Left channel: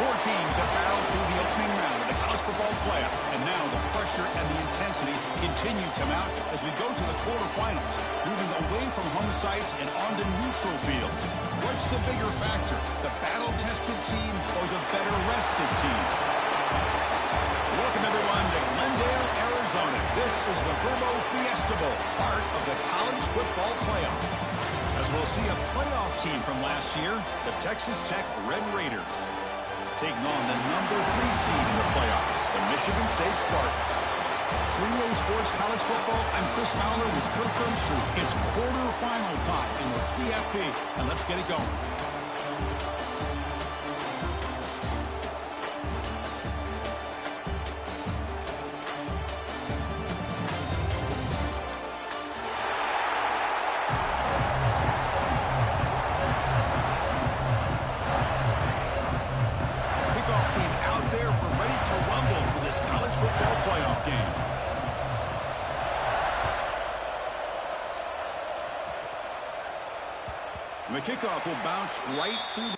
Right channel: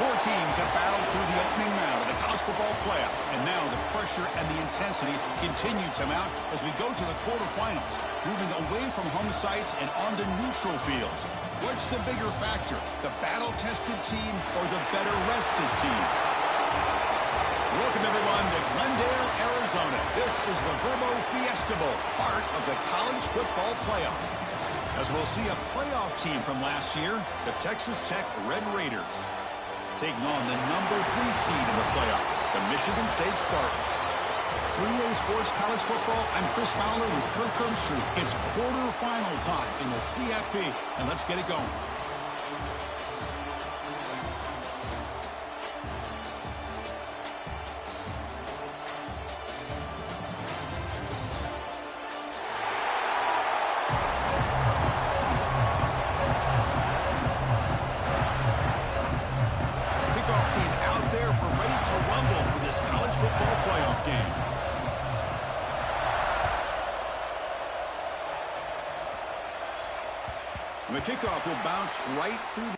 Four teams have battled through the opening round of the college football playoff, and now the pressure and the intensity continue to mount as we go to the quarterfinals, moving away from home sites and onto neutral fields. What's the bigger factor, the battle-tested team or the better-rested team? Welcome, everyone, to Glendale, Arizona. This is the Verbo Fiesta Bowl, part of the college football playoff. As we'll see a playoff team from last year, the Texas Tech Red Raiders, taking on the number 3 seed in the playoff, the Michigan State Spartans. 3A Sports College Football, I'm Chris Fowler with Kirk Herbstreit. It's quarterfinal time in the CFP, and let's get it going. The kickoff will bounce right through the...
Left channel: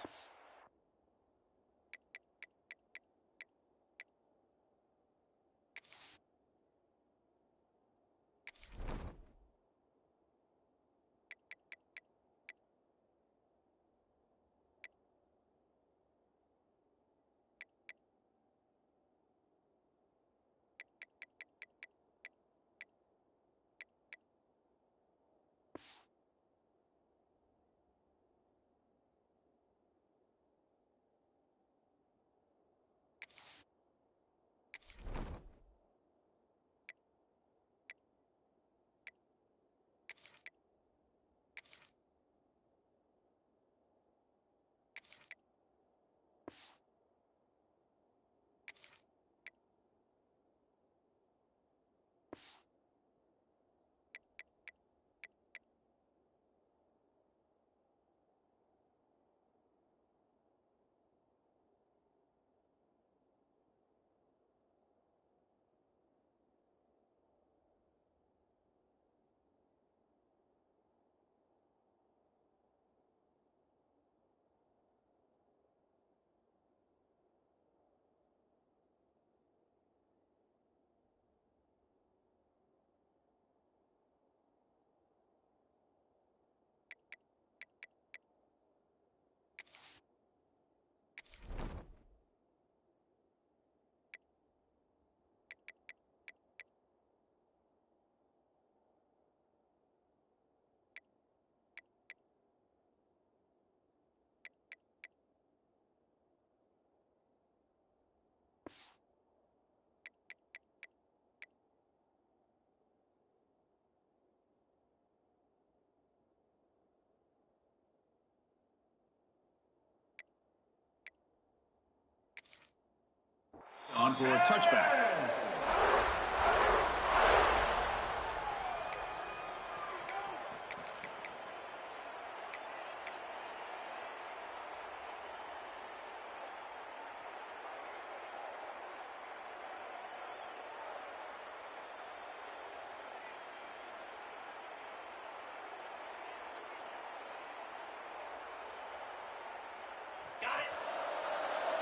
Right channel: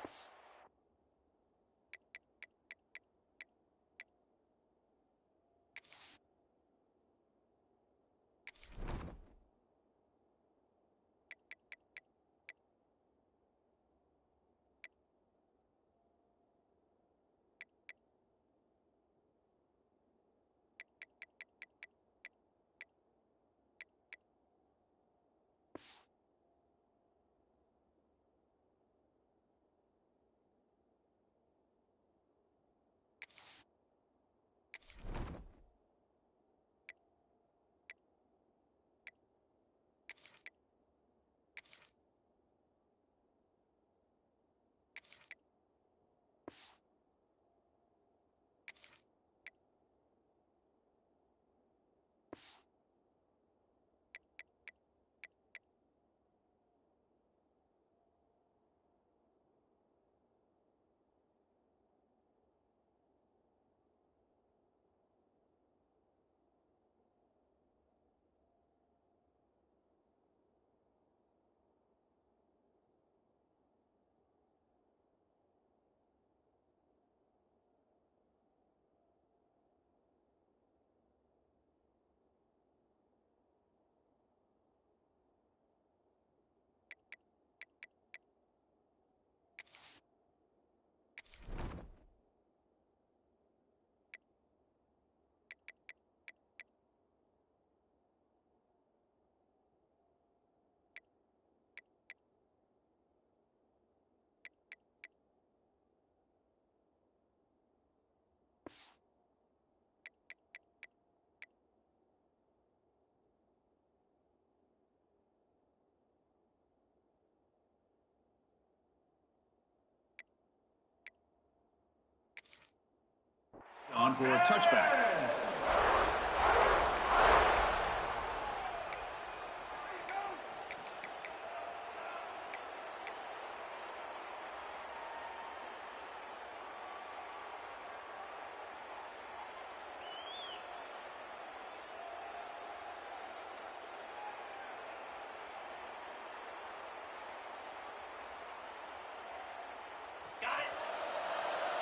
On for a touchback.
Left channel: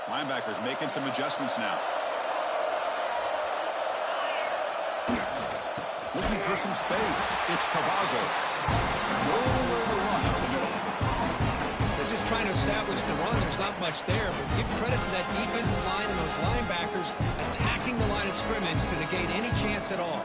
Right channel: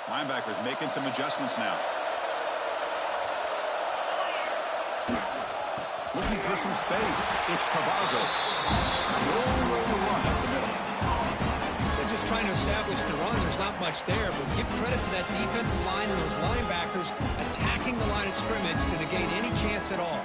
Linebackers making some adjustments now. Looking for some space. It's Cavazos. Nowhere to run up the middle. They're just trying to establish the run. There's not much there, but give credit to that defensive line and those linebackers attacking the line of scrimmage to negate any chance at all.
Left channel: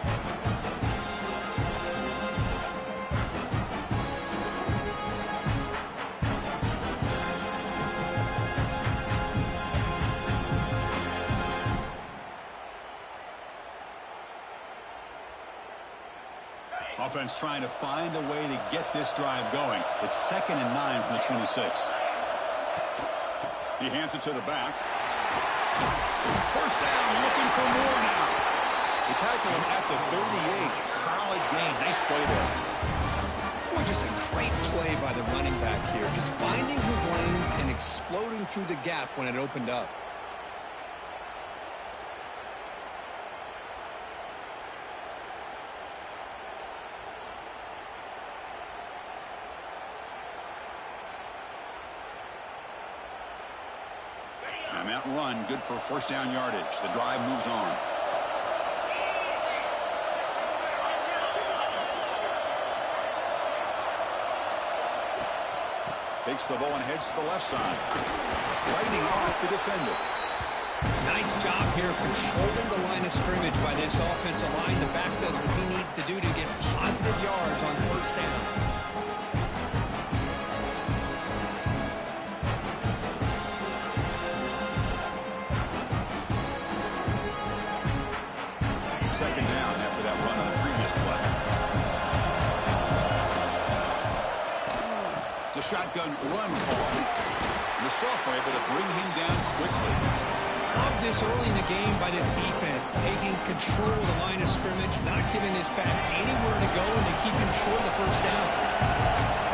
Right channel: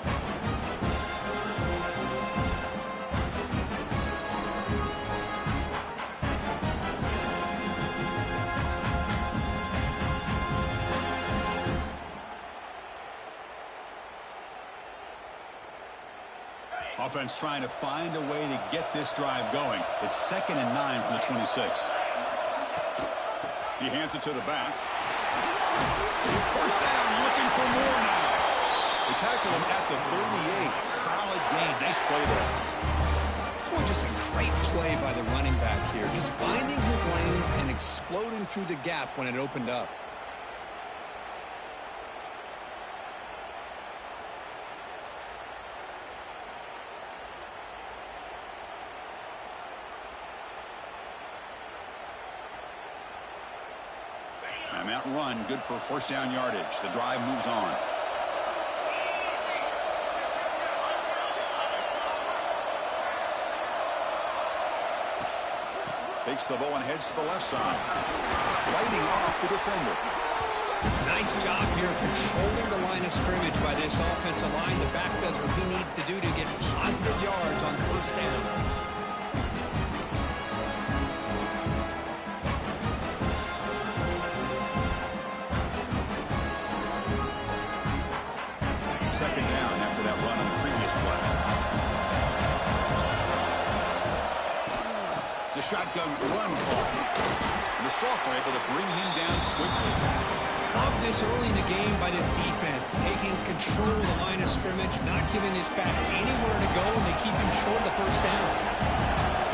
Offense trying to find a way to get this drive going. It's 2nd and 9 from the 26. He hands it to the back. First down, looking for more now. They tackle him at the 38. Solid gain. Nice play there. Boy, just a great play by the running back here. Just finding his lanes and exploding through the gap when it opened up. And that run, good for first down yardage. The drive moves on. Takes the ball and heads to the left side. Fighting off the defender. Nice job here of controlling the line of scrimmage by this offensive line. The back does what he needs to do to get positive yards on first down. Second down after that run on the previous play. It's a shotgun run call. And the sophomore able to bring him down quickly. Love this early in the game by this defense, taking control of the line of scrimmage, not giving this back anywhere to go, and they keep him short of the first down.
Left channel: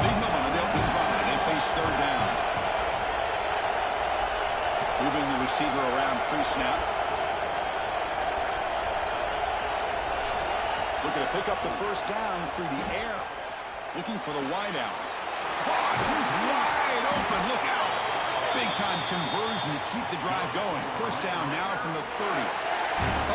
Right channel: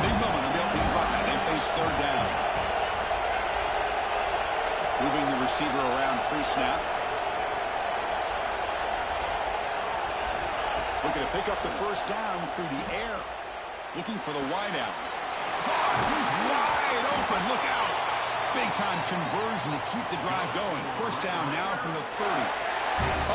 Big moment on the opening drive. They face third down. Moving the receiver around pre-snap. Looking to pick up the first down through the air. Looking for the wideout. Caught. He's wide open. Look out. Big-time conversion to keep the drive going. First down now from the 30.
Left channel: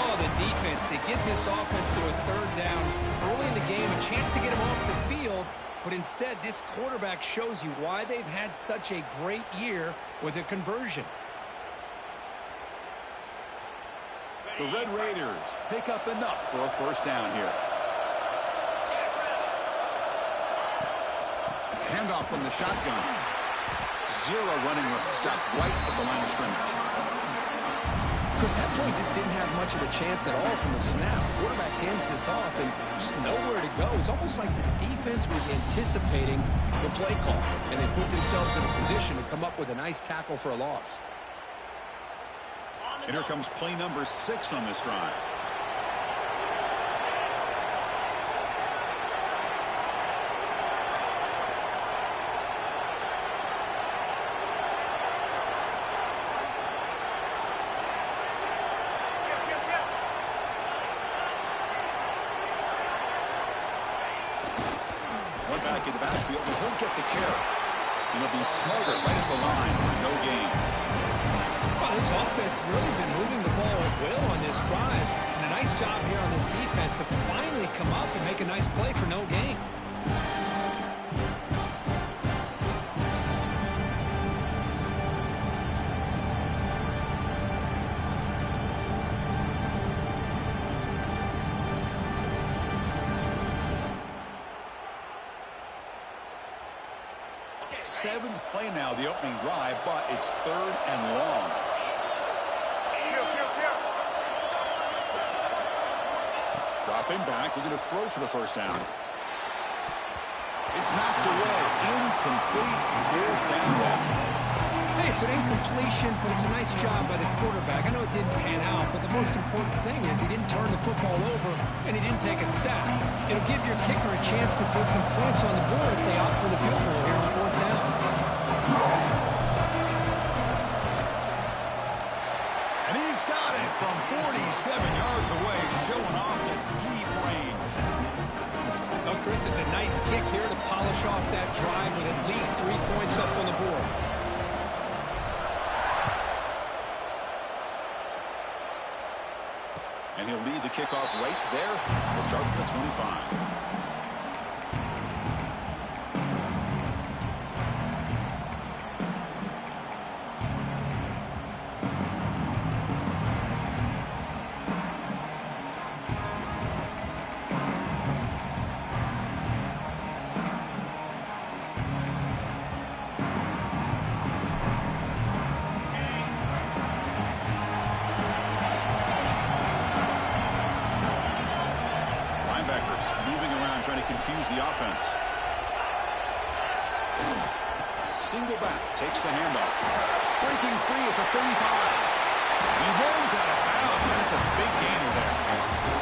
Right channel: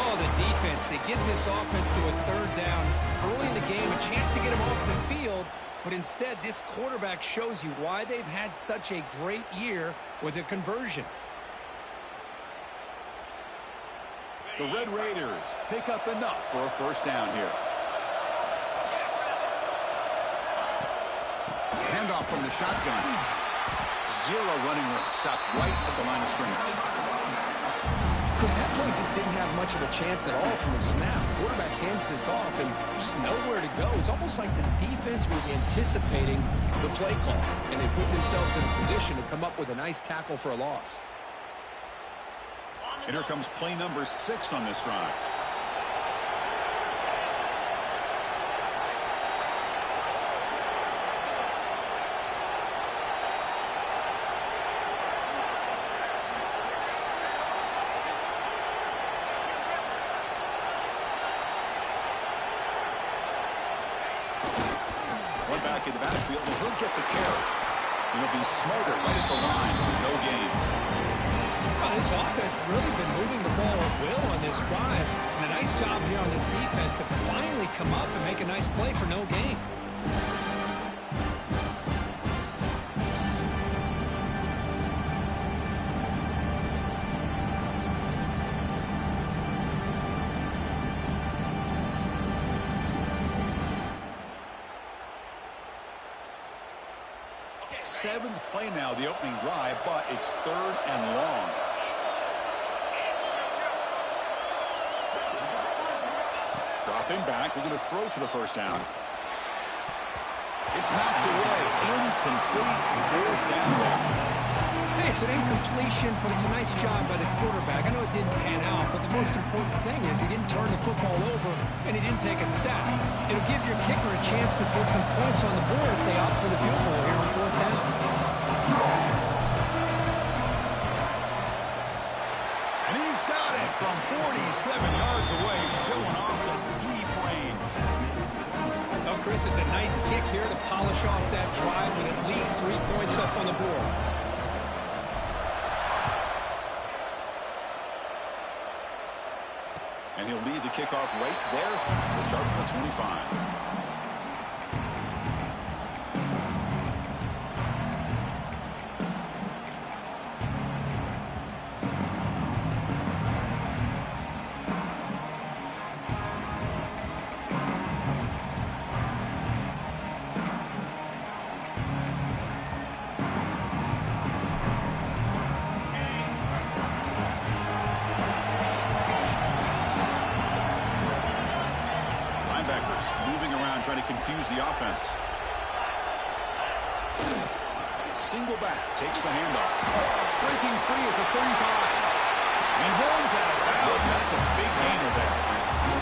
Oh, the defense. They get this offense to a third down early in the game, a chance to get him off the field, but instead this quarterback shows you why they've had such a great year with a conversion. The Red Raiders pick up enough for a first down here. Handoff from the shotgun. Zero running room. Stopped right at the line of scrimmage. Chris, that play just didn't have much of a chance at all from the snap. Quarterback hands this off and just nowhere to go. It's almost like the defense was anticipating the play call, and they put themselves in a position to come up with a nice tackle for a loss. And here comes play number 6 on this drive. One back in the backfield, and he'll get the carry. And he'll be smothered right at the line for no gain. Well, this offense has really been moving the ball at will on this drive. And a nice job here on this defense to finally come up and make a nice play for no gain. Seventh play now, the opening drive, but it's third and long. Dropping back, looking to throw for the first down. It's knocked away. Incomplete. Fourth down. Hey, it's an incompletion, but it's a nice job by the quarterback. I know it didn't pan out, but the most important thing is he didn't turn the football over and he didn't take a sack. It'll give your kicker a chance to put some points on the board if they opt for the field goal here on fourth down. And he's got it from 47 yards away, showing off the deep range. Well, Chris, it's a nice kick here to polish off that drive with at least 3 points up on the board. And he'll lead the kickoff right there. We'll start at the 25. Moving around, trying to confuse the offense. Single back, takes the handoff. Breaking free at the 35. He runs out of bounds. That's a big gainer there.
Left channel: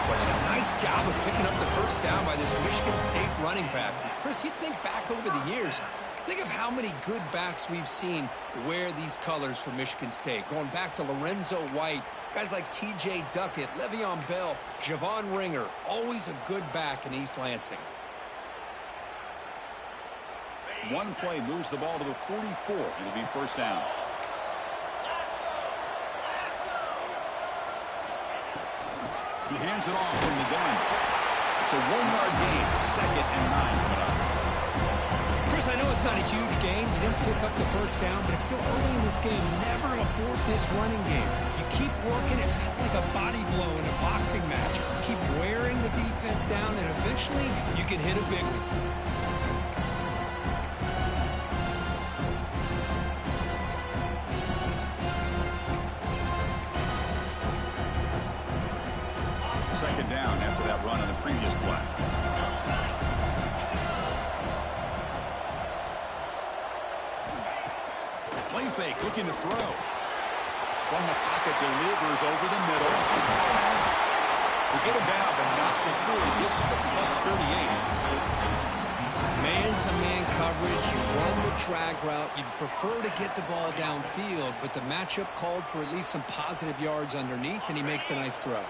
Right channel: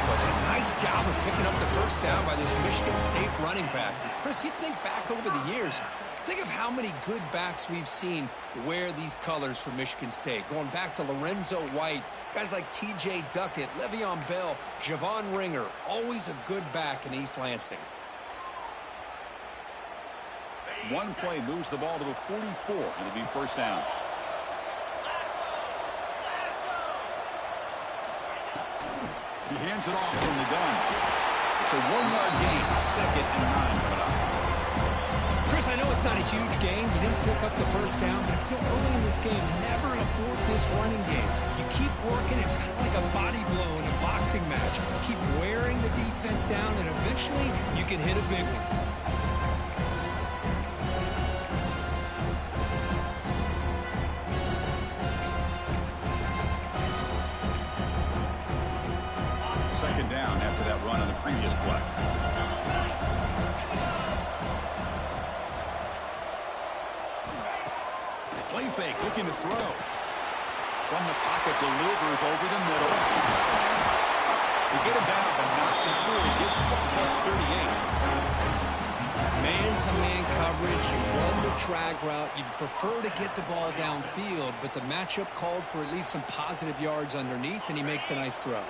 Well, it's a nice job of picking up the first down by this Michigan State running back. Chris, you think back over the years, think of how many good backs we've seen wear these colors for Michigan State. Going back to Lorenzo White, guys like T.J. Duckett, Le'Veon Bell, Javon Ringer, always a good back in East Lansing. One play moves the ball to the 44. It'll be first down. He hands it off from the gun. It's a 1-yard gain, 2nd and 9 coming up. Chris, I know it's not a huge gain. You didn't pick up the first down, but it's still early in this game. Never abort this running game. You keep working. It's kind of like a body blow in a boxing match. Keep wearing the defense down, and eventually you can hit a big one. Second down after that run on the previous play. Play fake, looking to throw. From the pocket, delivers over the middle. They get him down, but not before he gets to the +38. Man-to-man coverage, you run the drag route. You'd prefer to get the ball downfield, but the matchup called for at least some positive yards underneath, and he makes a nice throw.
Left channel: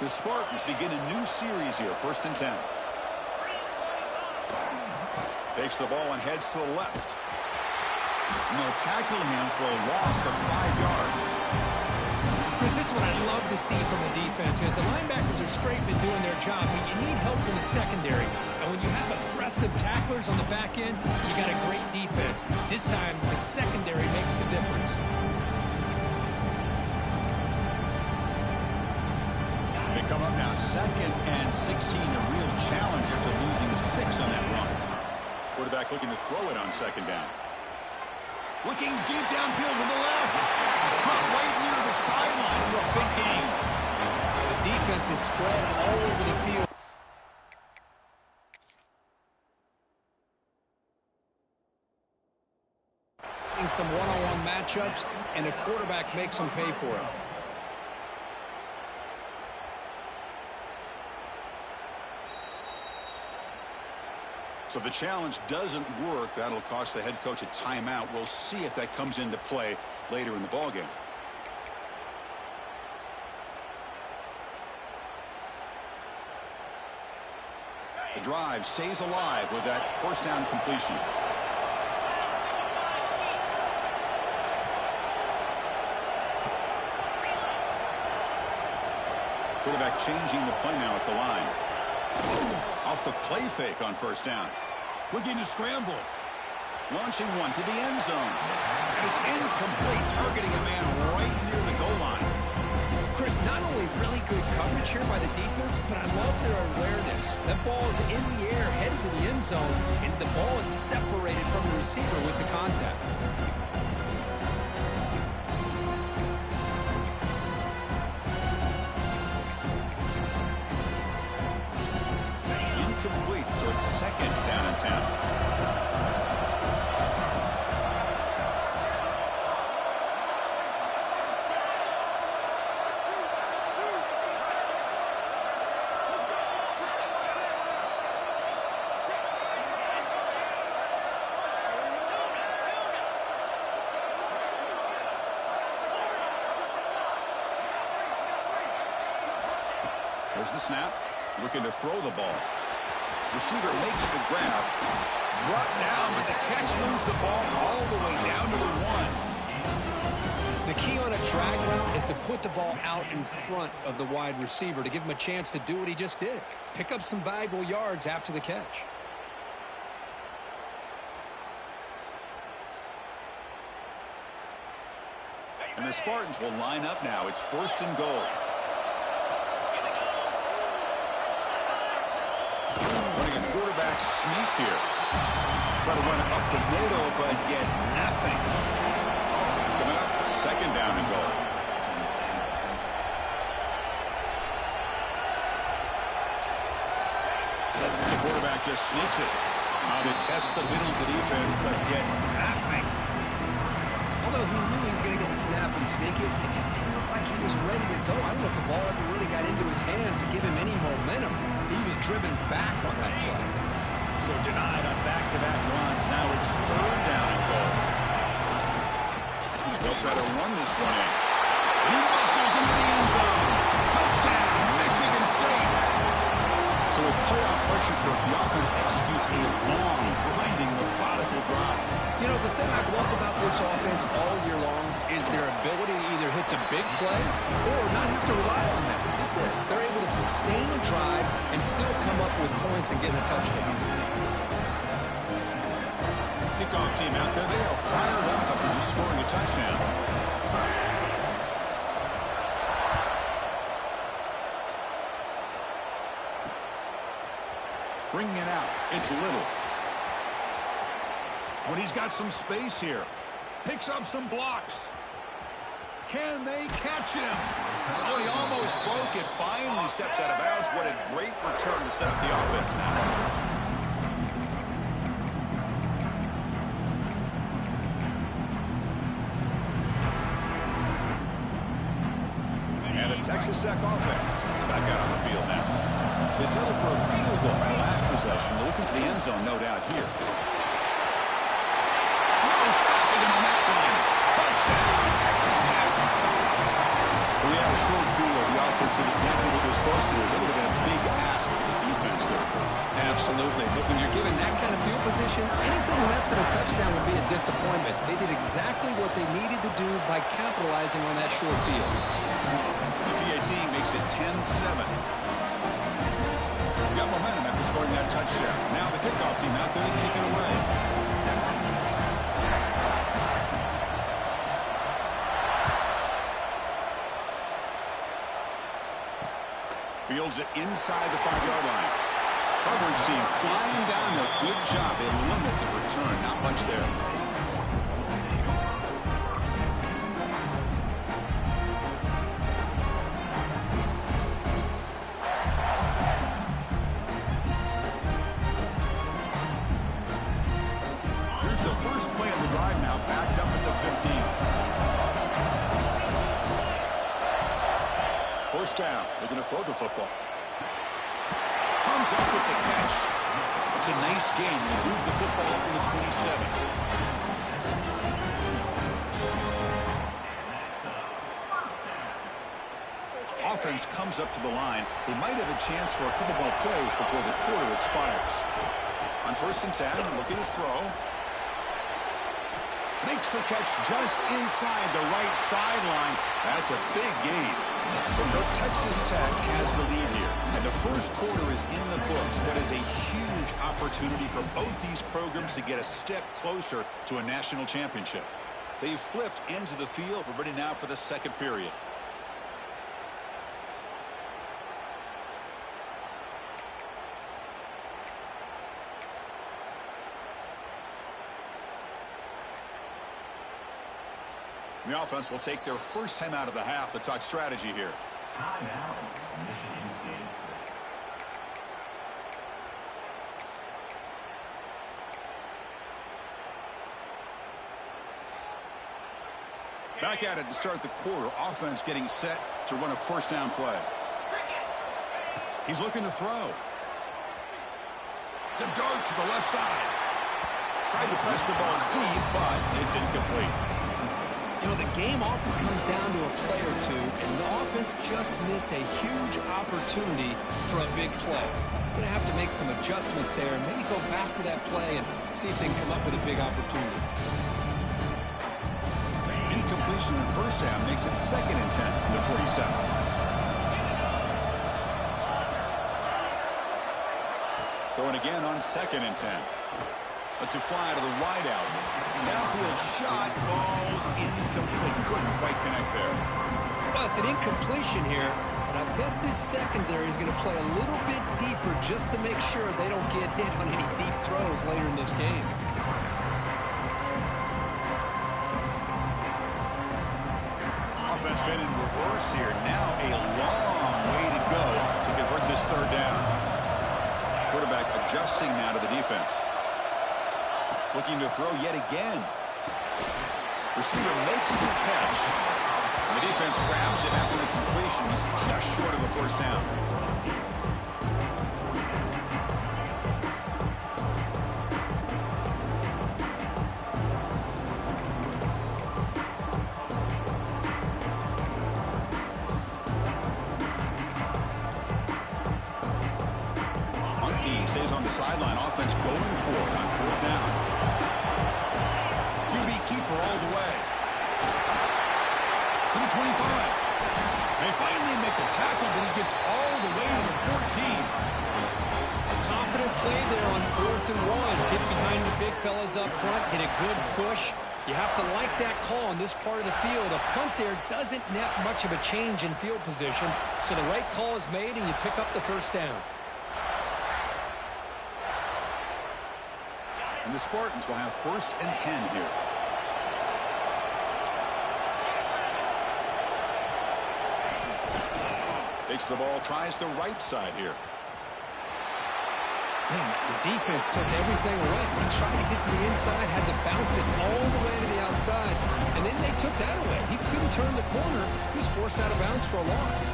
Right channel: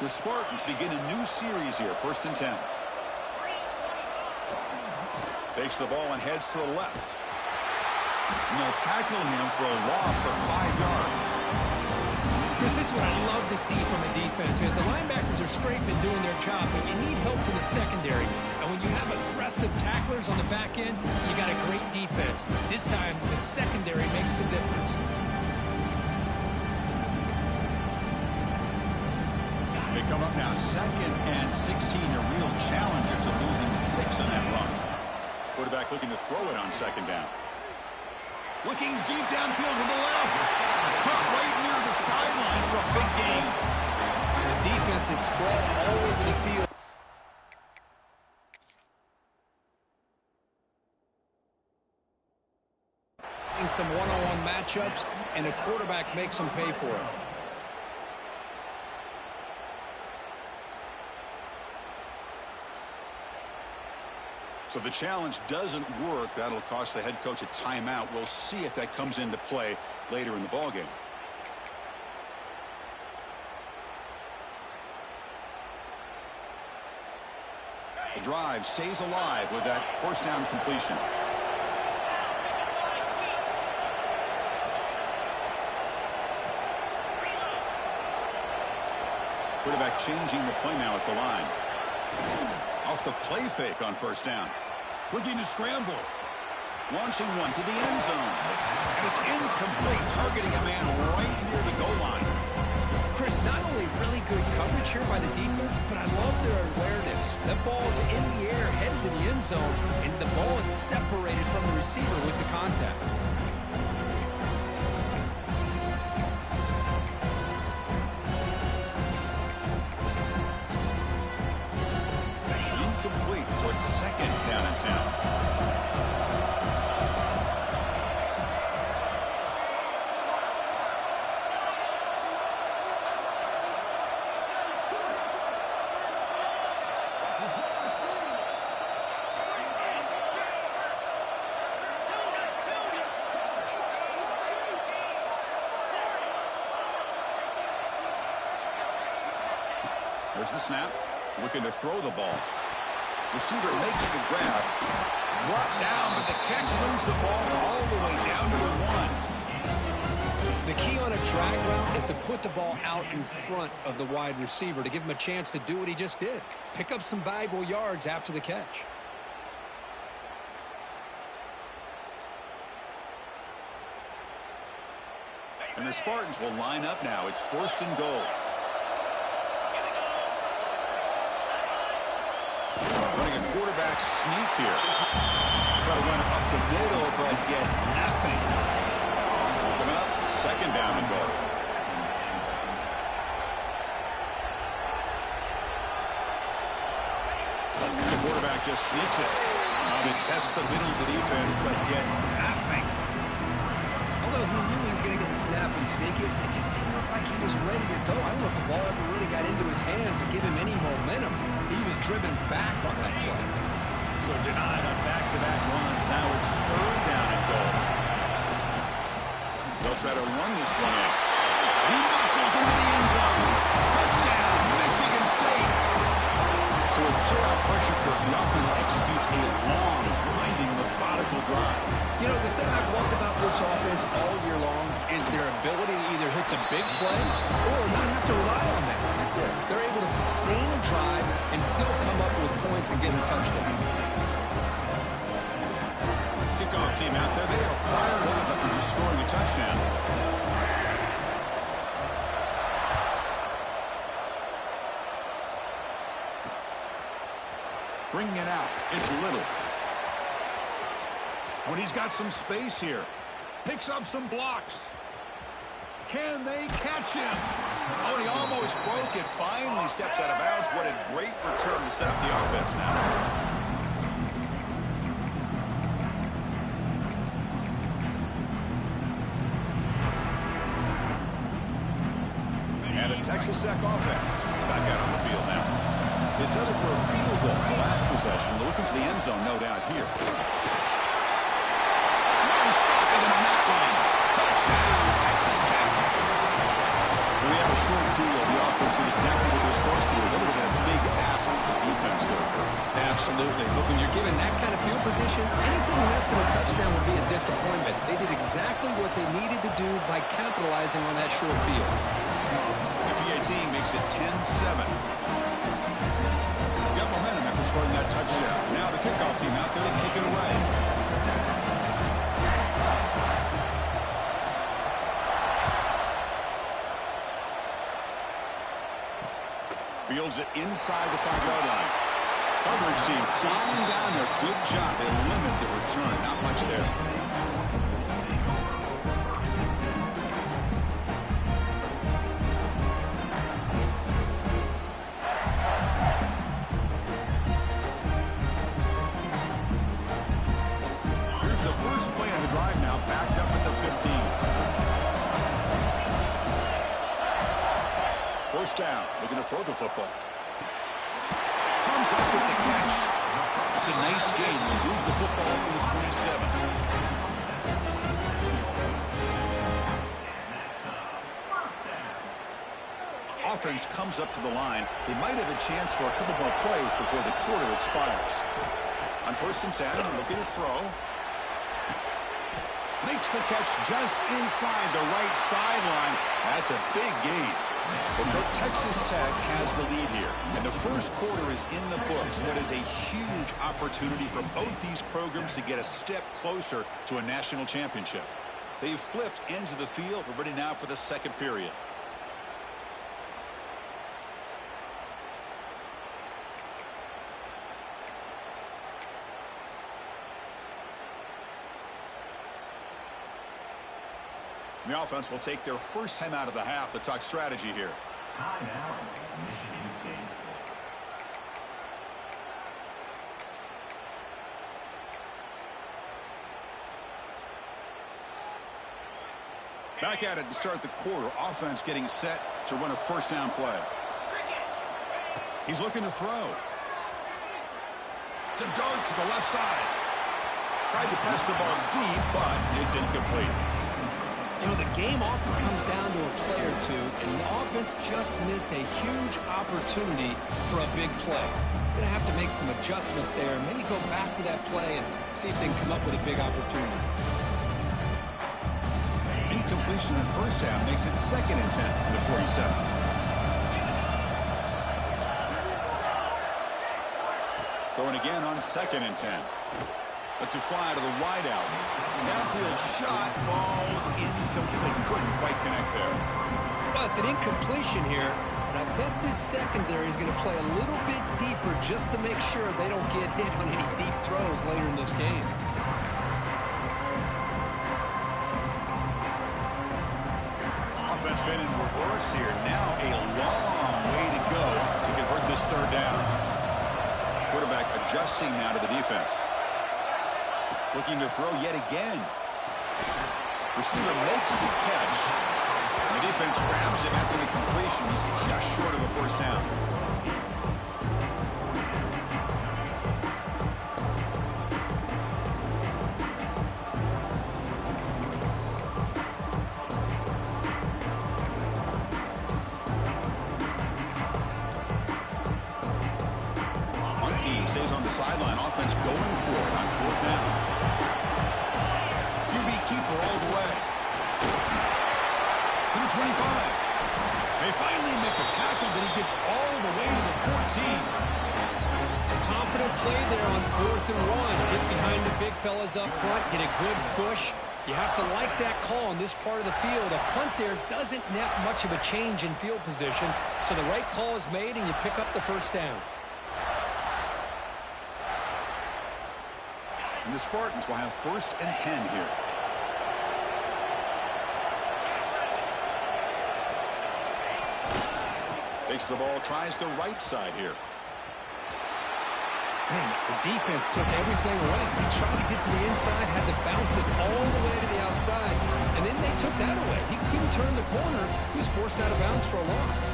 The Spartans begin a new series here, 1st and 10. Takes the ball and heads to the left. And they'll tackle him for a loss of 5 yards. Chris, this is what I love to see from a defense, because the linebackers are straight been doing their job, but you need help from the secondary. And when you have aggressive tacklers on the back end, you got a great defense. This time, the secondary makes the difference. They come up now 2nd and 16, a real challenge after losing 6 on that run. Quarterback looking to throw it on 2nd down. Looking deep downfield to the left. Caught right near the sideline for a big gain. The defense is spread all over the field. Some one-on-one matchups, and the quarterback makes them pay for it. So the challenge doesn't work. That'll cost the head coach a timeout. We'll see if that comes into play later in the ballgame. The drive stays alive with that 1st down completion. Quarterback changing the play now at the line. Off the play fake on 1st down. Looking to scramble. Launching one to the end zone. And it's incomplete, targeting a man right near the goal line. Chris, not only really good coverage here by the defense, but I love their awareness. That ball is in the air, headed to the end zone, and the ball is separated from the receiver with the contact. Incomplete, so it's 2nd down and 10. There's the snap. Looking to throw the ball. Receiver makes the grab. Brought down, but the catch moves the ball all the way down to the 1. The key on a drag route is to put the ball out in front of the wide receiver to give him a chance to do what he just did. Pick up some valuable yards after the catch. And the Spartans will line up now. It's 1st and goal. Running a quarterback sneak here. Try to run it up the middle, but get nothing. Coming up, 2nd down and goal. The quarterback just sneaks it. Now they test the middle of the defense, but get nothing. Although he knew he was going to get the snap and sneak it, it just didn't look like he was ready to go. I don't know if the ball ever really got into his hands to give him any momentum. He was driven back on that play. So denied on back-to-back runs. Now it's 3rd down and goal. They'll try to run this one in. He muscles into the end zone. Touchdown, Michigan State. So with playoff pressure, Kirk, the offense executes a long, grinding, methodical drive. You know, the thing I've loved about this offense all year long is their ability to either hit the big play or not have to rely on that. Look at this. They're able to sustain a drive and still come up with points and get a touchdown. Kickoff team out there. They are fired up after just scoring a touchdown. Bringing it out. It's Little. When he's got some space here. Picks up some blocks. Can they catch him? Oh, and he almost broke it. Finally steps out of bounds. What a great return to set up the offense now. And the Texas Tech offense is back out on the field now. They settled for a field goal in the last possession. They're looking for the end zone, no doubt, here. No stopping him on that one. Touchdown, Texas Tech. Well, we had a short field. The offense did exactly what they're supposed to do. That would have been a big ask for the defense there, Kurt. Absolutely. But when you're given that kind of field position, anything less than a touchdown would be a disappointment. They did exactly what they needed to do by capitalizing on that short field. The PAT makes it 10-7. Got momentum after scoring that touchdown. Now the kickoff team out there to kick it away. Fields it inside the 5-yard line. Coverage team flying down there. Good job. They limit the return. Not much there. Here's the first play of the drive now, backed up at the 15. First down, looking to throw the football. Comes up with the catch. It's a nice gain. Will move the football to the 27. Offense comes up to the line. They might have a chance for a couple more plays before the quarter expires. On 1st and 10, looking to throw. Makes the catch just inside the right sideline. That's a big gain. But Texas Tech has the lead here, and the first quarter is in the books. What is a huge opportunity for both these programs to get a step closer to a national championship. They've flipped ends of the field. We're ready now for the second period. The offense will take their first time out of the half to talk strategy here. Time out, Michigan State. Back at it to start the quarter. Offense getting set to run a first down play. He's looking to throw. To dart to the left side. Tried to press the ball deep, but it's incomplete. You know, the game often comes down to a play or two, and the offense just missed a huge opportunity for a big play. Going to have to make some adjustments there and maybe go back to that play and see if they can come up with a big opportunity. Incompletion on first down makes it 2nd and 10 on the 47. Throwing again on 2nd and 10. Lets it fly to the wideout. Downfield shot falls incomplete. Couldn't quite connect there. Well, it's an incompletion here, and I bet this secondary is going to play a little bit deeper just to make sure they don't get hit on any deep throws later in this game. Offense been in reverse here. Now a long way to go to convert this third down. Quarterback adjusting now to the defense. Looking to throw yet again. Receiver makes the catch. And the defense grabs him after the completion. He's just short of a first down. One team stays on the sideline. Offense going for it on 4th down. keeper all the way. To the 25. They finally make the tackle, but he gets all the way to the 14. Confident play there on 4th and 1. Get behind the big fellas up front. Get a good push. You have to like that call on this part of the field. A punt there doesn't net much of a change in field position, so the right call is made, and you pick up the first down. And the Spartans will have 1st and 10 here. Takes the ball, tries the right side here. Man, the defense took everything away. He tried to get to the inside, had to bounce it all the way to the outside, and then they took that away. He couldn't turn the corner. He was forced out of bounds for a loss.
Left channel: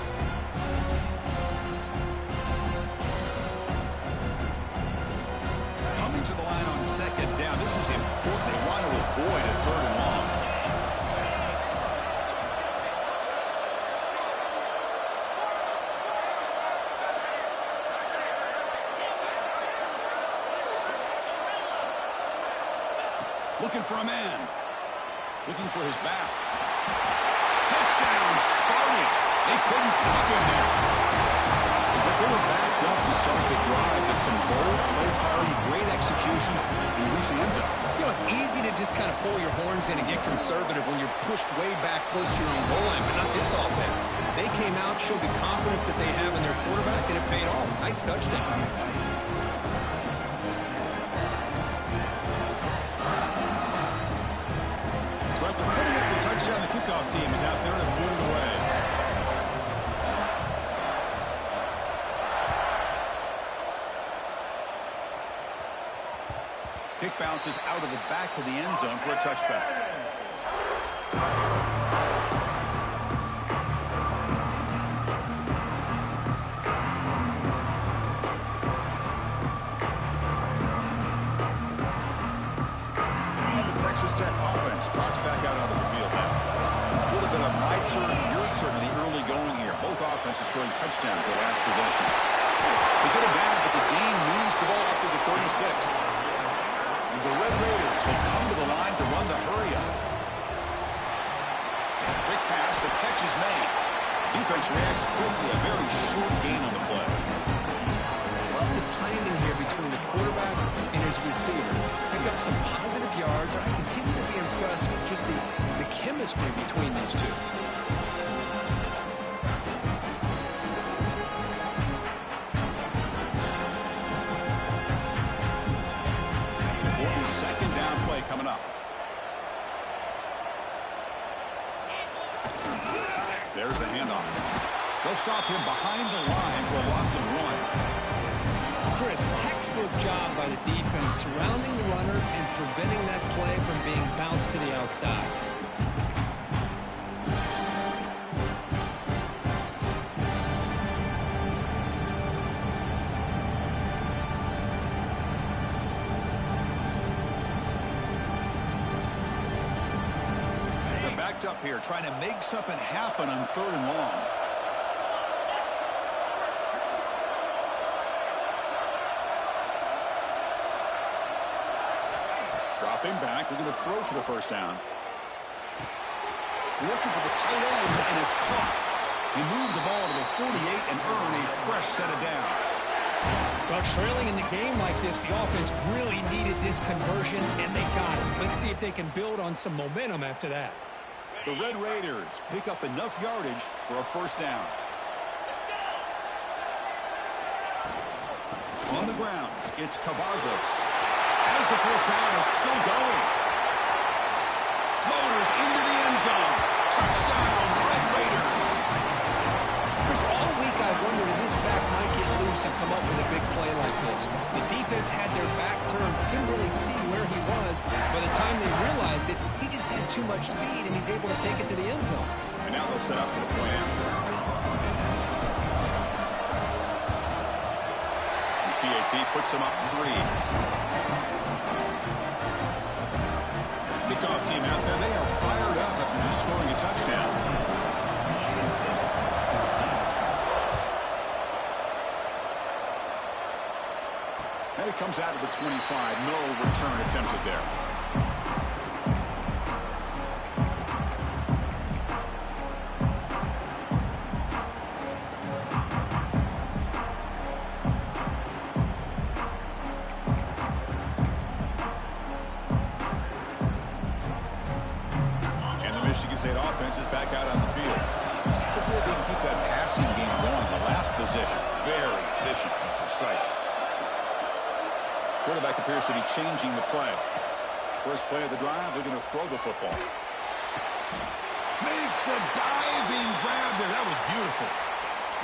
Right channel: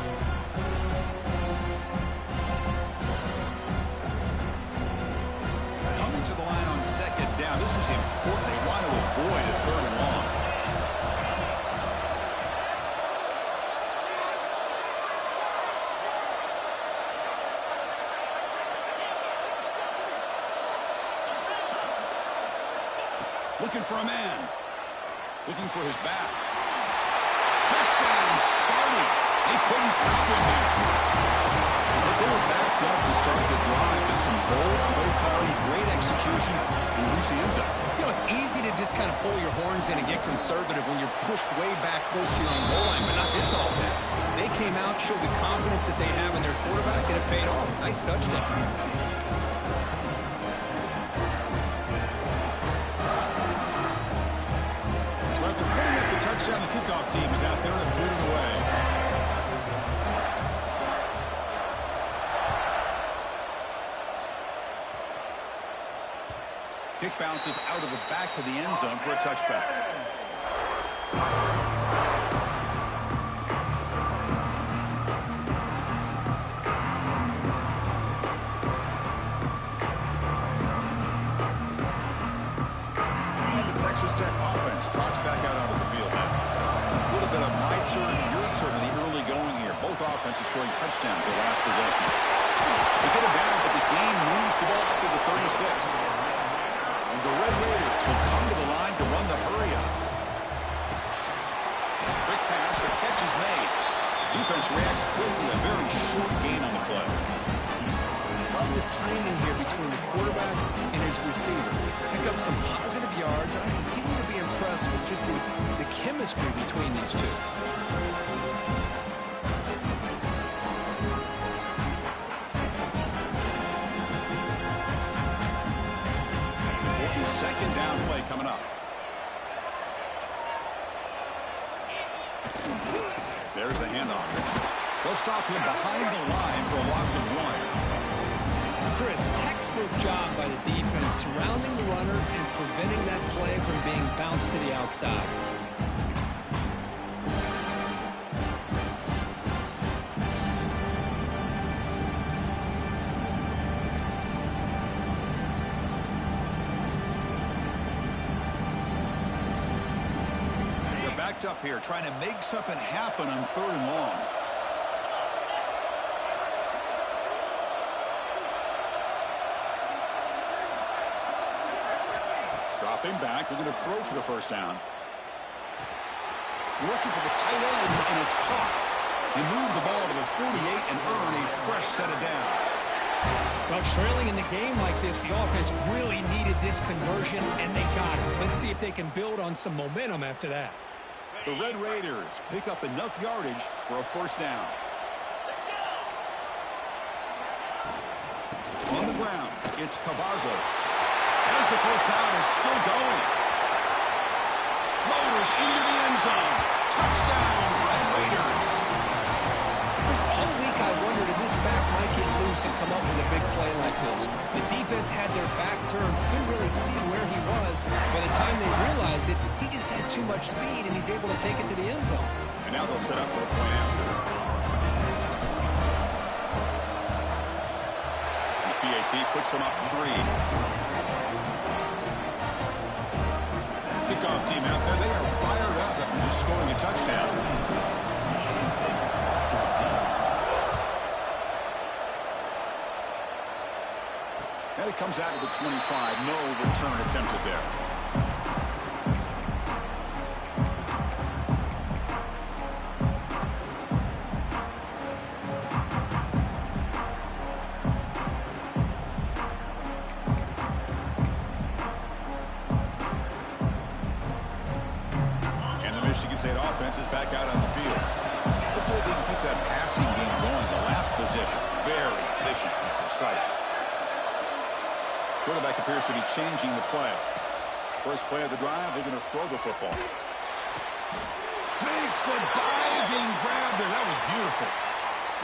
Coming to the line on 2nd down. This is important. They want to avoid a 3rd and long. Looking for a man. Looking for his back. Touchdown, Sparty. They couldn't stop him there. But they were backed up to start the drive, but some bold play calling, great execution, and he reached the end zone. You know, it's easy to just kind of pull your horns in and get conservative when you're pushed way back close to your own goal line, but not this offense. They came out, showed the confidence that they have in their quarterback, and it paid off. Nice touchdown. After putting up the touchdown, the kickoff team is out there to boot it away. Kick bounces out of the back of the end zone for a touchback. Trots back out onto the field now. A little bit of my turn, your turn in the early going here. Both offenses scoring touchdowns the last possession. They get it down, but the game moves the ball up to the 36. And the Red Raiders will come to the line to run the hurry up. Quick pass, the catch is made. Defense reacts quickly, a very short gain on the play. Love the timing here between the quarterback and his receiver. Pick up some positive yards, and I continue to be impressed with just the chemistry between these two. Important 2nd down play coming up. There's the handoff. They'll stop him behind the line for a loss of 1. Chris, textbook job by the defense surrounding the runner and preventing that play from being bounced to the outside. They're backed up here, trying to make something happen on 3rd and long. Dropping back, they're going to throw for the first down. Working for the tight end, and it's caught. They move the ball to the 48 and earn a fresh set of downs. Well, trailing in the game like this, the offense really needed this conversion, and they got it. Let's see if they can build on some momentum after that. The Red Raiders pick up enough yardage for a first down. On the ground, it's Cavazos. As the first down is still going. Motors into the end zone. Touchdown, Red Raiders. Chris, all week I wondered if this back might get loose and come up with a big play like this. The defense had their back turned, couldn't really see where he was. By the time they realized it, he just had too much speed, and he's able to take it to the end zone. And now they'll set up for the point after. The PAT puts them up 3. Kickoff team out there, they are fired up after just scoring a touchdown. And it comes out of the 25. No return attempted there. Michigan State offense is back out on the field. Let's see if they can keep that passing game going. The last possession, very efficient and precise. Quarterback appears to be changing the play. First play of the drive, they're going to throw the football. Makes a diving grab there. That was beautiful.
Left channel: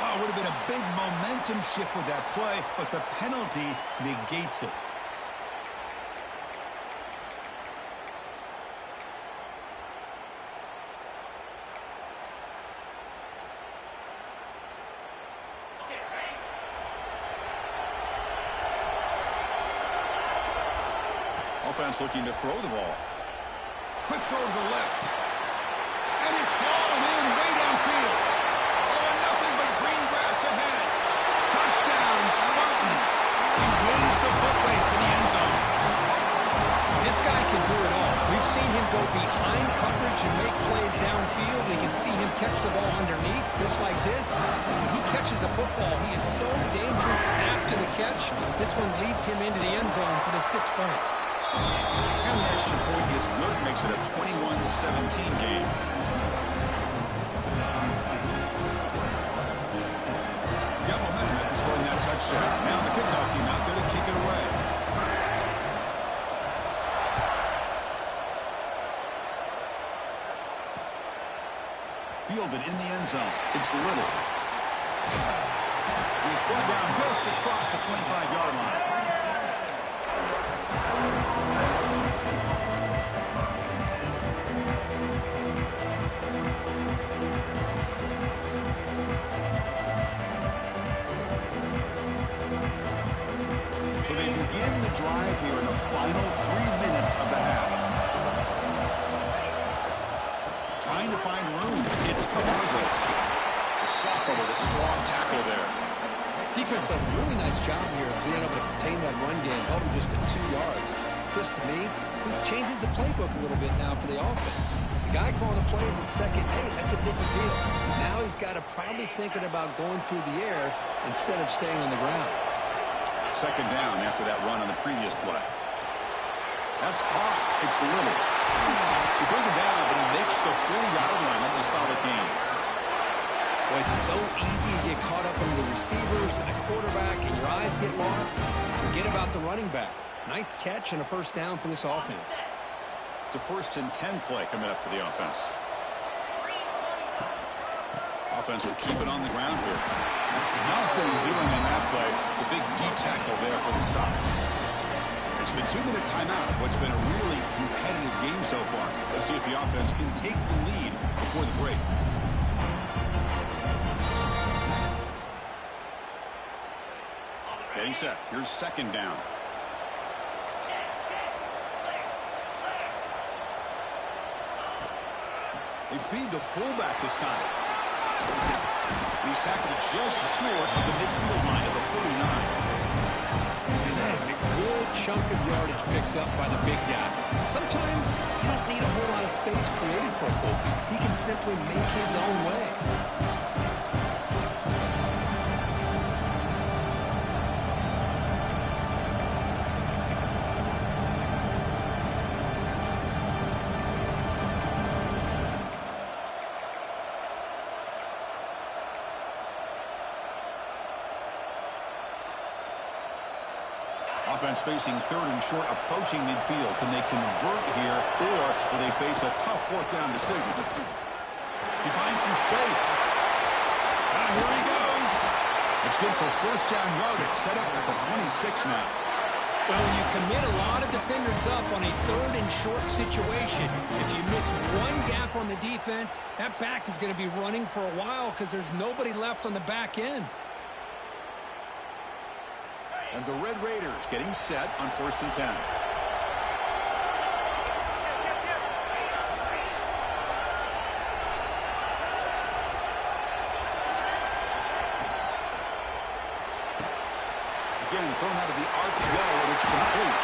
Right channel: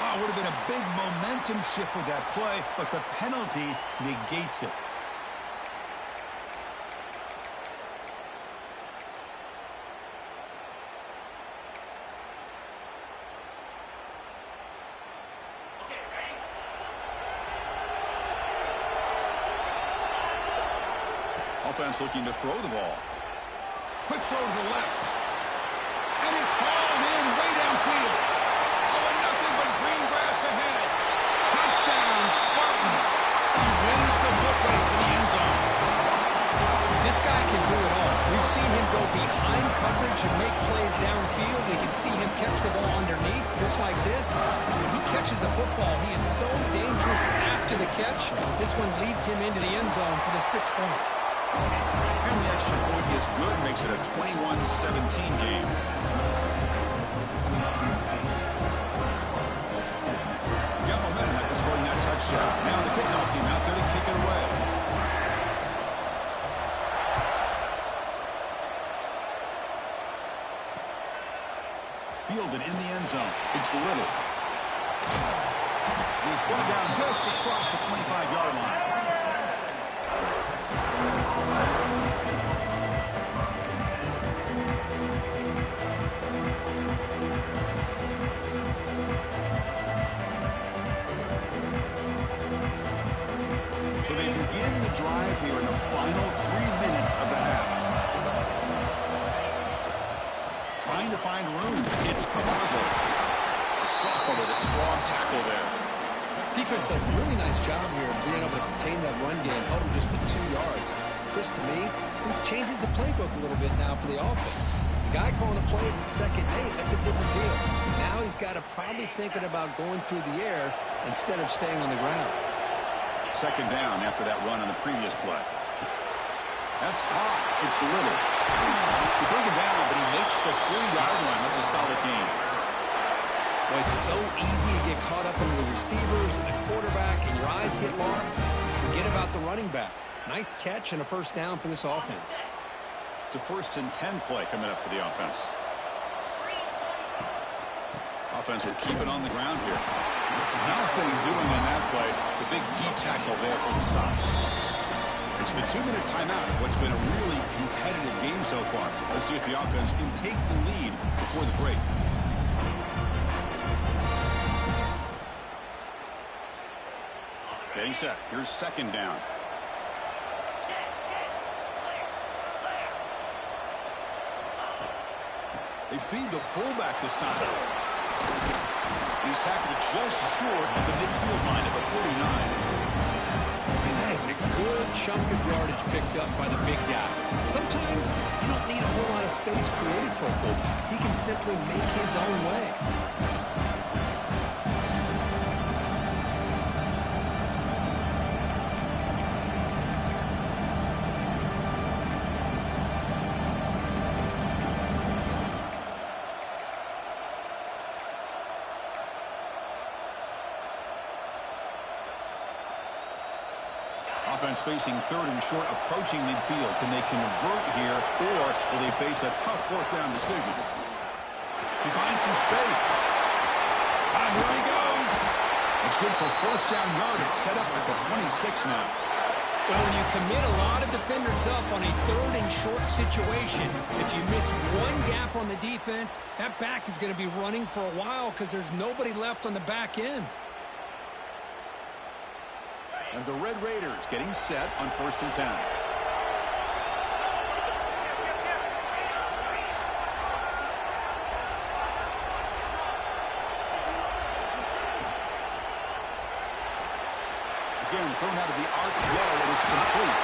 Wow, would have been a big momentum shift with that play, but the penalty negates it. Offense looking to throw the ball. Quick throw to the left. And it's hauled in way downfield. Oh, and nothing but green grass ahead. Touchdown, Spartans. He wins the foot race to the end zone. This guy can do it all. We've seen him go behind coverage and make plays downfield. We can see him catch the ball underneath, just like this. When he catches a football, he is so dangerous after the catch. This one leads him into the end zone for the 6 points. And the extra point is good, makes it a 21-17 game. Got momentum after scoring that touchdown. Now the kickoff team out there to kick it away. Fielded in the end zone. It's Little. He's brought down just across the 25-yard line. So they begin the drive here in the final 3 minutes of the half. Trying to find room. It's Cavazos. The sophomore with a strong tackle there. Defense does a really nice job here of being able to contain that run game, held him just to 2 yards. Chris, to me, this changes the playbook a little bit now for the offense. The guy calling the plays at 2nd and 8, that's a different deal. Now he's got to probably thinking about going through the air instead of staying on the ground. 2nd down after that run on the previous play. That's caught. It's Little. They bring him down, but he makes the 4-yard line. That's a solid game. Well, it's so easy to get caught up in the receivers and the quarterback, and your eyes get lost. Forget about the running back. Nice catch and a 1st down for this offense. It's a 1st and 10 play coming up for the offense. Offense will keep it on the ground here. Nothing doing on that play. The big D tackle there for the stop. It's the 2-minute timeout of what's been a really competitive game so far. Let's see if the offense can take the lead before the break. Getting set. Here's 2nd down. They feed the fullback this time. He's tackled just short of the midfield line at the 49. Man, that is a good chunk of yardage picked up by the big guy. Sometimes you don't need a whole lot of space created for a fullback. He can simply make his own way. Offense facing 3rd and short, approaching midfield. Can they convert here, or will they face a tough 4th down decision? He finds some space. Here he goes. It's good for 1st down yardage. Set up at the 26 now. Well, when you commit a lot of defenders up on a 3rd and short situation, if you miss one gap on the defense, that back is going to be running for a while because there's nobody left on the back end. And the Red Raiders getting set on 1st and 10. Again, thrown out of the arc yellow, and it's complete.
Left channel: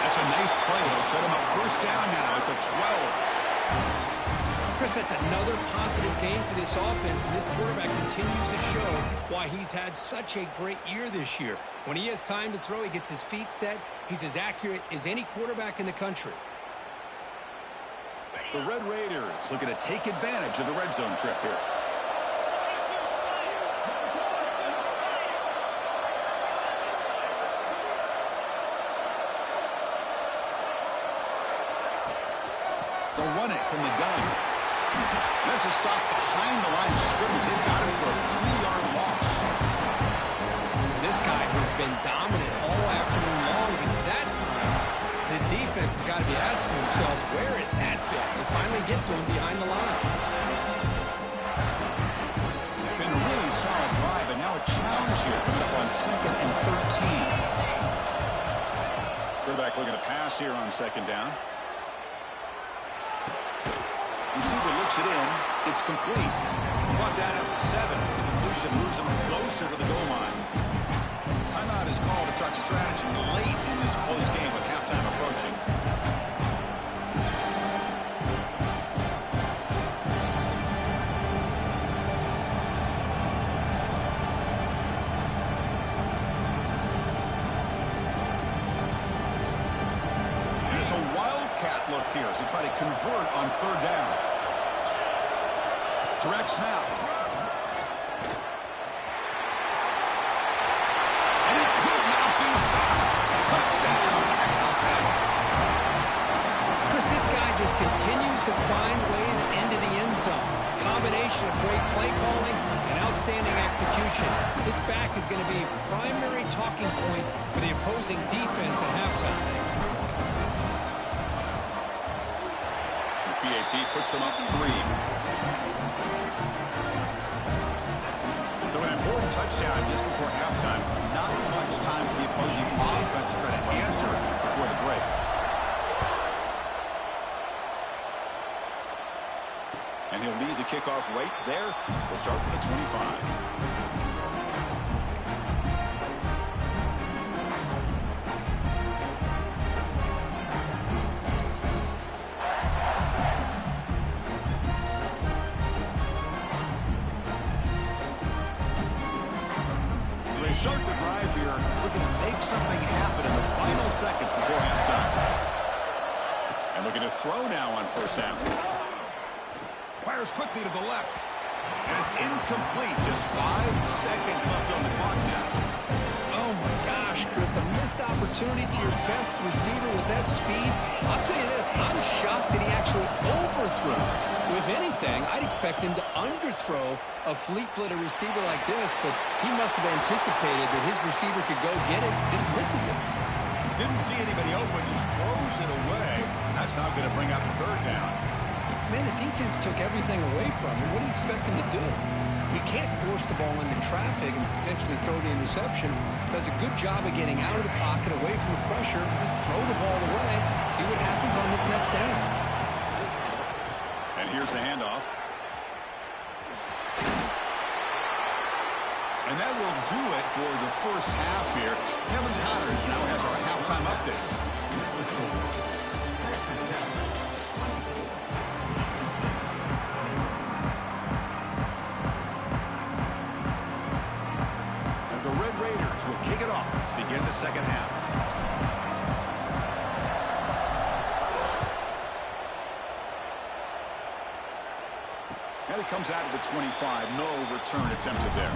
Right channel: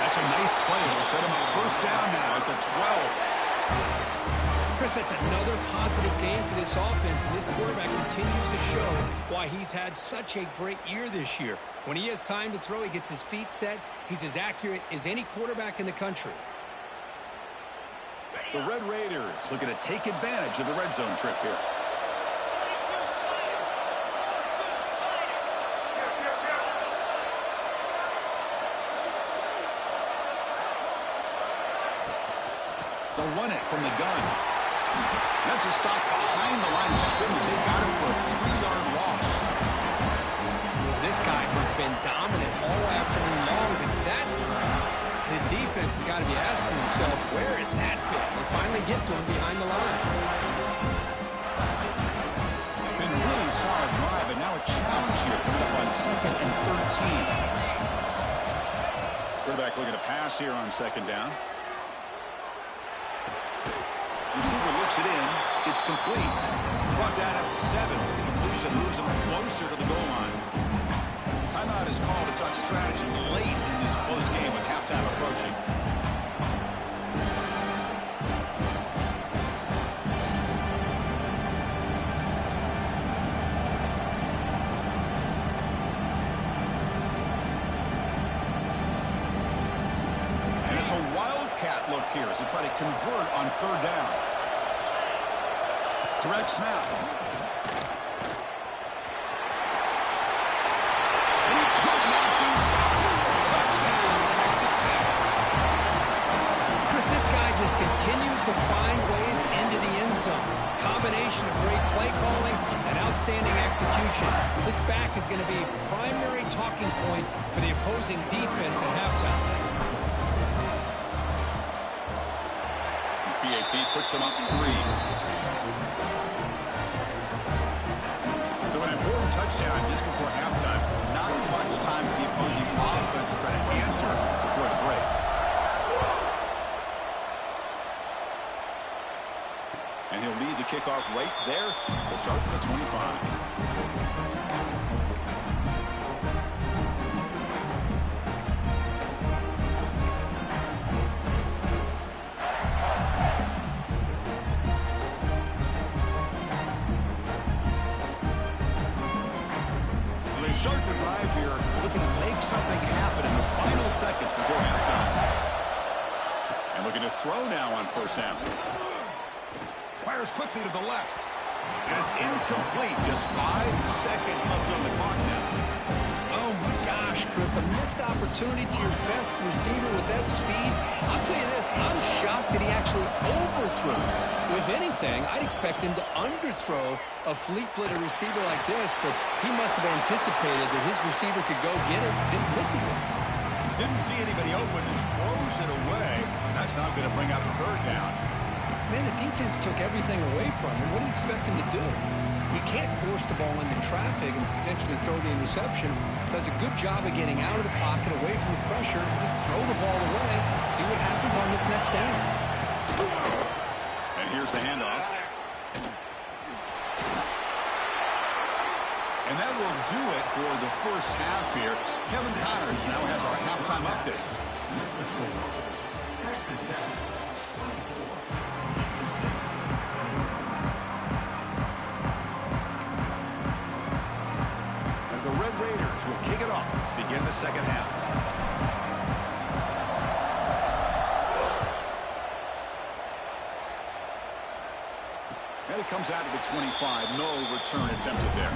That's a nice play. It'll set him up 1st down now at the 12. Chris, that's another positive game for this offense, and this quarterback continues to show why he's had such a great year this year. When he has time to throw, he gets his feet set. He's as accurate as any quarterback in the country. The Red Raiders looking to take advantage of the red zone trip here. They'll run it from the gun. That's a stop behind the line of scrimmage. They've got him for a 3-yard loss. This guy has been dominant all afternoon long, but that time, the defense has got to be asking themselves, where is that bit? They finally get to him behind the line. Been a really solid drive, but now a challenge here coming up on 2nd and 13. Quarterback looking to pass here on 2nd down. Receiver looks it in. It's complete. Brought down at the 7. The completion moves him closer to the goal line. Timeout is called to talk strategy late in this close game with halftime approaching. And it's a wildcat look here as they try to convert on 3rd down. Direct snap. Touchdown, Texas Tech. Chris, this guy just continues to find ways into the end zone. Combination of great play calling and outstanding execution. This back is going to be a primary talking point for the opposing defense at halftime. The PAT puts him up 3. So an important touchdown just before halftime. Not much time for the opposing offense to try to answer before the break. And he'll lead the kickoff right there. He'll start with the 25. They start the drive here, looking to make something happen in the final seconds before halftime. And looking to throw now on 1st down. Fires quickly to the left. And it's incomplete. Just 5 seconds left on the clock now. Oh, my gosh, Chris, a missed opportunity to your best receiver with that speed. I'll tell you this, I'm shocked that he actually overthrew. If anything, I'd expect him to underthrow a fleet-footed receiver like this, but he must have anticipated that his receiver could go get it, just misses it. Didn't see anybody open, just throws it away. That's not going to bring out the 3rd down. Man, the defense took everything away from him. What do you expect him to do? He can't force the ball into traffic and potentially throw the interception. Does a good job of getting out of the pocket, away from the pressure, just throw the ball away, see what happens on this next down. And here's the handoff. And that will do it for the first half here. Kevin Connors now has our halftime update. And the Red Raiders will kick it off to begin the 2nd half. And it comes out of the 25. No return attempted there.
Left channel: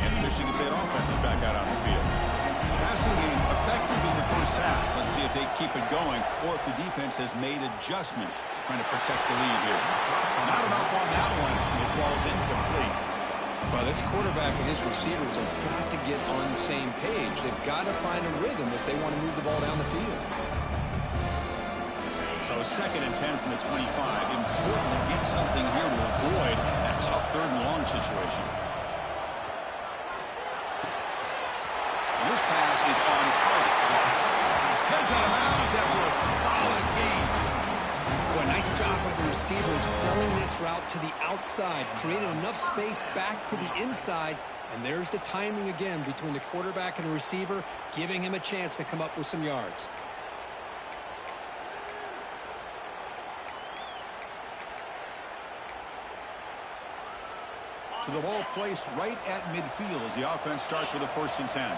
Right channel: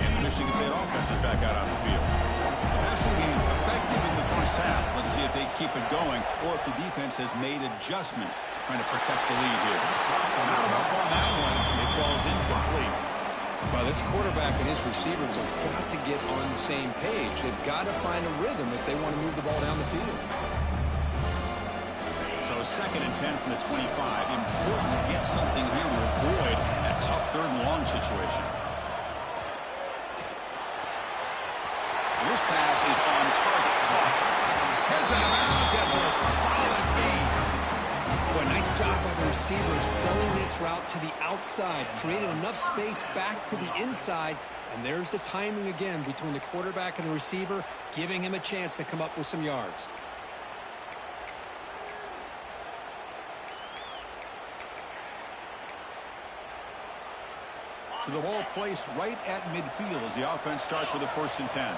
And the Michigan State offense is back out on the field. The passing game effective in the first half. Let's see if they keep it going or if the defense has made adjustments trying to protect the lead here. Not enough on that one. It falls incomplete. Well, this quarterback and his receivers have got to get on the same page. They've got to find a rhythm if they want to move the ball down the field. So 2nd and 10 from the 25. Important to get something here to avoid that tough 3rd and long situation. And this pass is on target. Caught. Heads out of bounds after a solid gain. Boy, nice job by the receiver selling this route to the outside. Created enough space back to the inside. And there's the timing again between the quarterback and the receiver, giving him a chance to come up with some yards. So the ball placed right at midfield as the offense starts with a 1st and 10.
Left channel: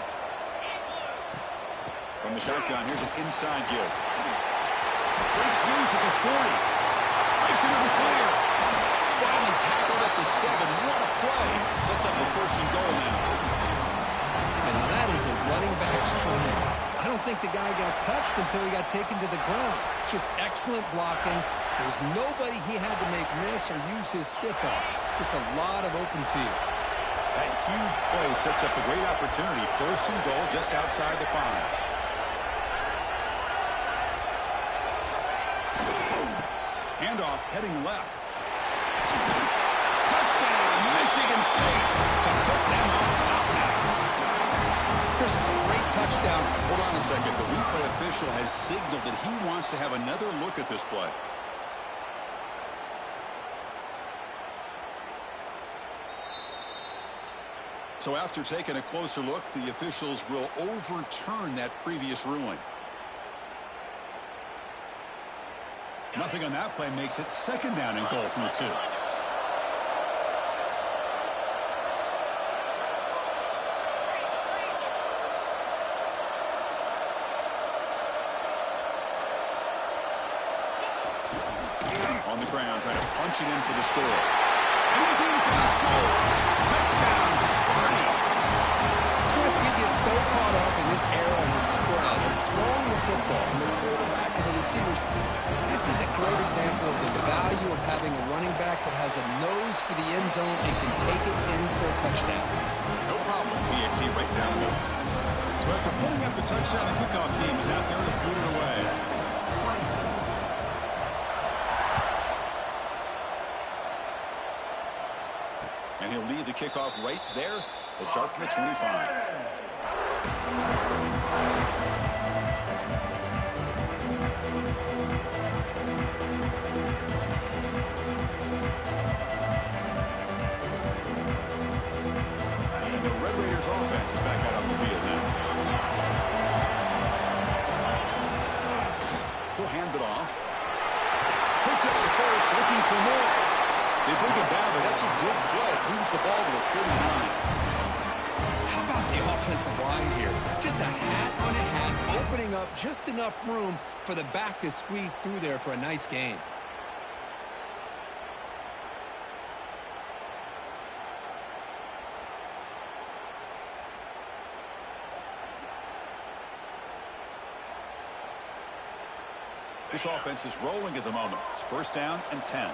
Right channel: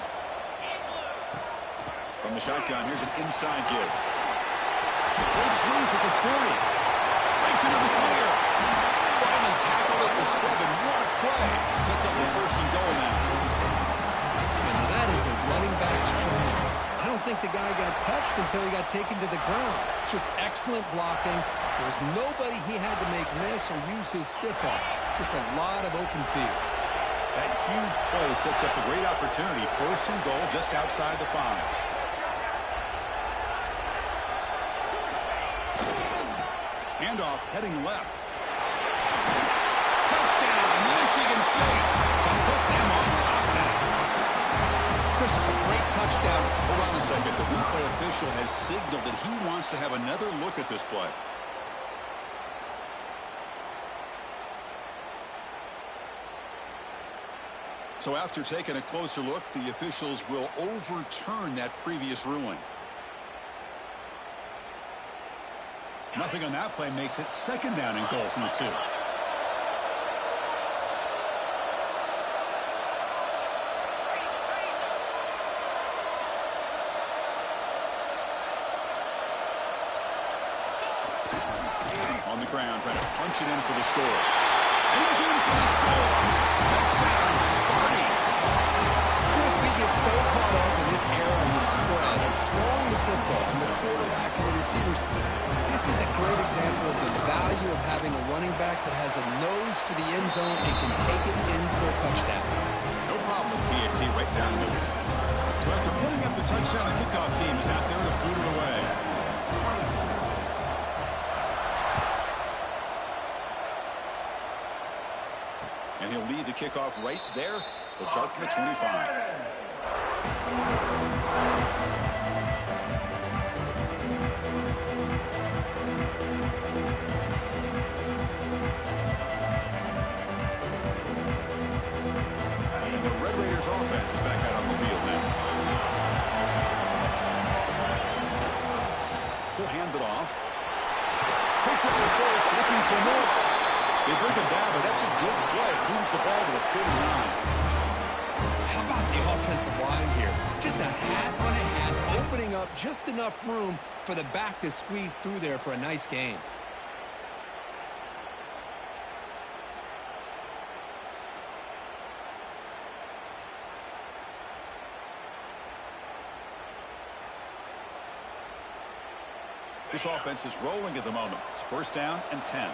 From the shotgun, here's an inside give. Breaks loose at the 40. Breaks into the clear. Finally tackled at the 7. What a play. Sets up a 1st and goal now. And now that is a running back's dream. I don't think the guy got touched until he got taken to the ground. It's just excellent blocking. There was nobody he had to make miss or use his stiff arm. Just a lot of open field. That huge play sets up a great opportunity. 1st and goal just outside the 5. Handoff heading left. Touchdown, Michigan State, to put them on top now. Chris, it's a great touchdown. Hold on a second. The replay official has signaled that he wants to have another look at this play. So after taking a closer look, the officials will overturn that previous ruling. Nothing on that play makes it 2nd down and goal from the 2. On the ground, trying to punch it in for the score. And he's in for the score. Touchdown, Sparty. Chris, we get so caught up in this era of the spread, of throwing the football, and the quarterback and the receivers. This is a great example of the value of having a running back that has a nose for the end zone and can take it in for a touchdown. No problem with PAT right down the middle. So after putting up the touchdown, the kickoff team is out there to boot it away. And he'll lead the kickoff right there. He'll start from the 25. And the Red Raiders offense is back out on the field now. He'll hand it off. Picks up the first, looking for more. They bring him down, but that's a good play. Moves the ball to the 39. How about the offensive line here? Just a hat on a hat, opening up just enough room for the back to squeeze through there for a nice gain. This offense is rolling at the moment. It's 1st down and 10.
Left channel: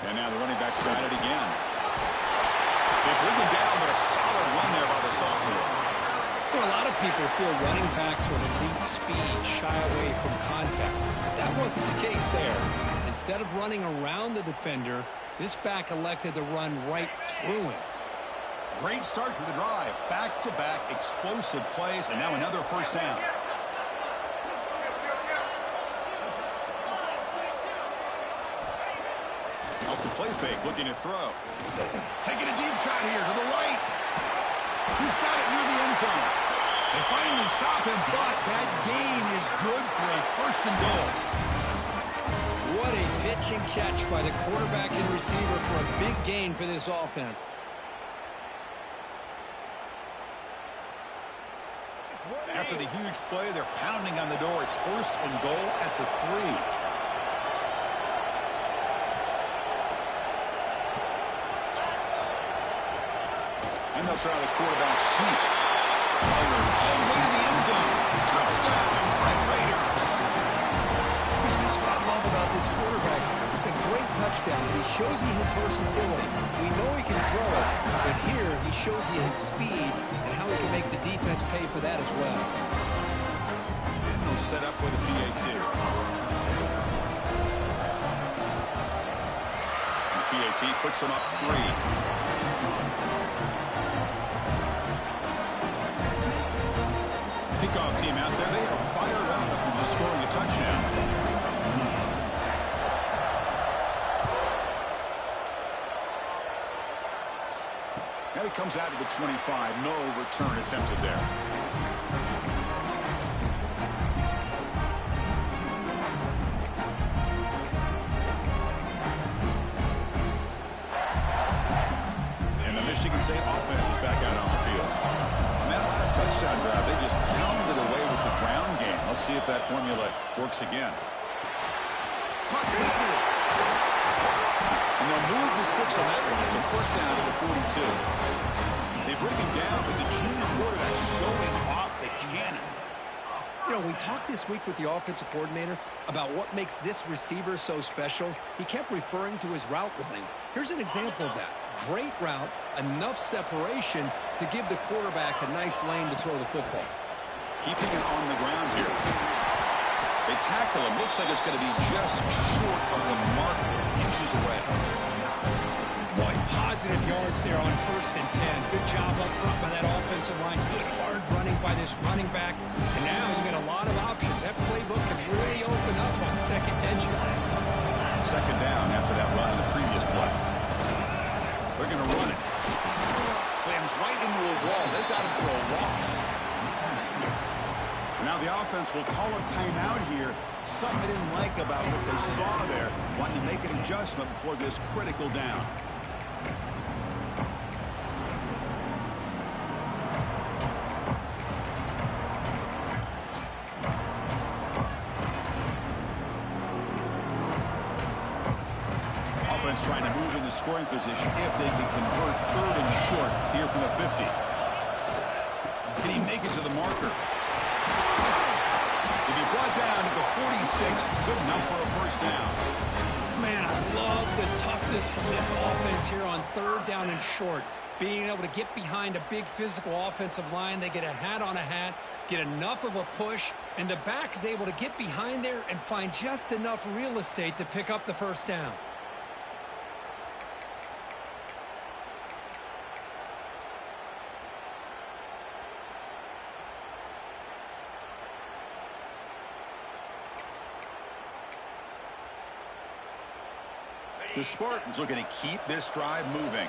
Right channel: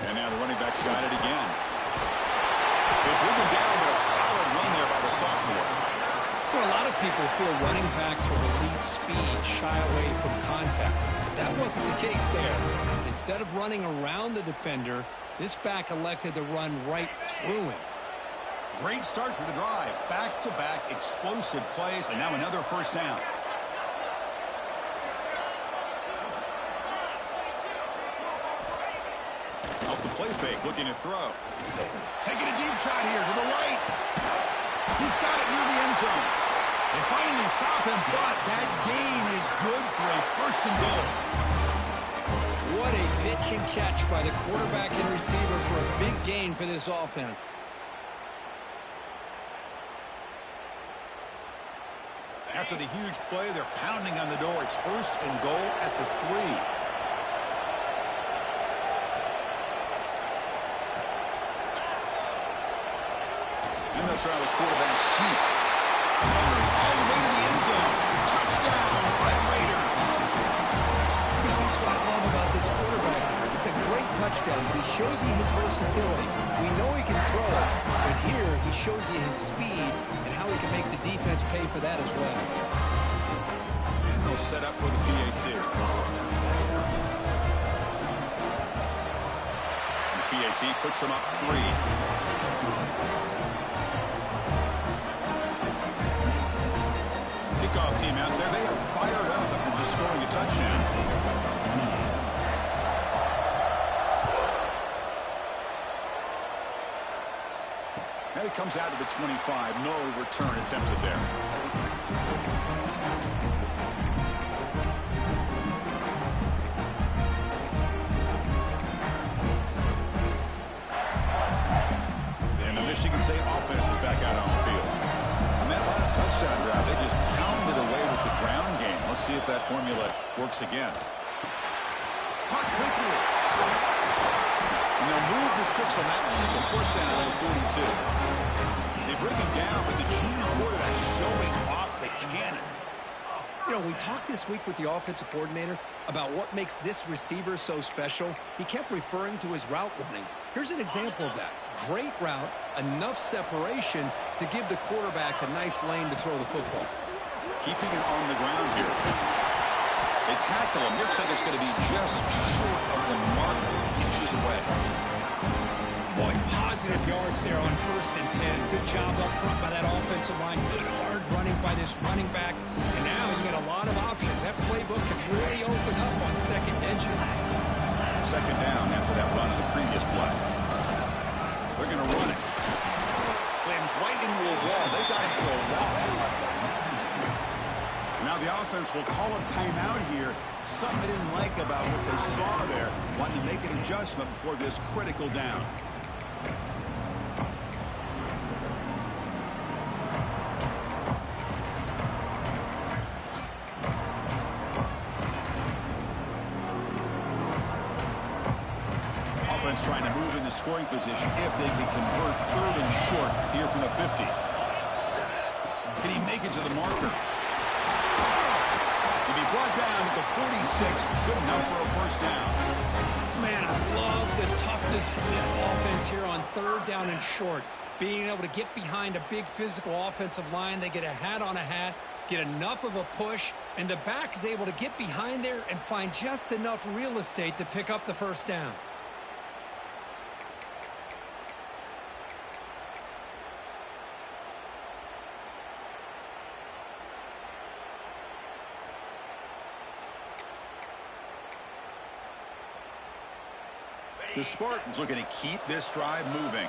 And now the running back's got it again. They bring him down, but a solid run there by the sophomore. Well, a lot of people feel running backs with elite speed shy away from contact. But that wasn't the case there. Instead of running around the defender, this back elected to run right through him. Great start to the drive. Back-to-back explosive plays, and now another 1st down. Off the play fake, looking to throw. Taking a deep shot here to the right. He's got it near the end zone. They finally stop him, but that gain is good for a 1st and goal. What a pitch and catch by the quarterback and receiver for a big gain for this offense. After the huge play, they're pounding on the door. It's 1st and goal at the 3. And they'll try the quarterback sneak. Motors all the way to the end zone. Touchdown, Red Raiders. Chris, that's what I love about this quarterback. It's a great touchdown, but he shows you his versatility. We know he can throw it, but here he shows you his speed and how he can make the defense pay for that as well. And they'll set up with a PAT. And the PAT puts them up 3. Kickoff team out there, they are fired up after just scoring a touchdown. And it comes out to the 25. No return attempted there. And the Michigan State offense is back out on the field. On that last touchdown drive, they just pounded away with the ground game. Let's see if that formula works again. Caught quickly. And they'll move the 6 on that one. It's a first down to the 42. They bring him down, but the junior quarterback showing off the cannon. You know, we talked this week with the offensive coordinator about what makes this receiver so special. He kept referring to his route running. Here's an example of that. Great route, enough separation to give the quarterback a nice lane to throw the football. Keeping it on the ground here. They tackle him. Looks like it's going to be just short of the mark, inches away. Boy, positive yards there on 1st and 10. Good job up front by that offensive line. Good hard running by this running back. And now you got a lot of options. That playbook can really open up on second edges. Second down after that run on the previous play. They're going to run it. Slams right into a wall. They've got him for a loss. Now the offense will call a timeout here. Something they didn't like about what they saw there. Wanting to make an adjustment before this critical down. Offense trying to move into scoring position if they can convert 3rd and short here from the 50. Can he make it to the marker? If he brought down at the 46, good enough for a first down. Man, I love the toughness from this offense here on 3rd down and short. Being able to get behind a big physical offensive line. They get a hat on a hat, get enough of a push, and the back is able to get behind there and find just enough real estate to pick up the first down. The Spartans looking to keep this drive moving.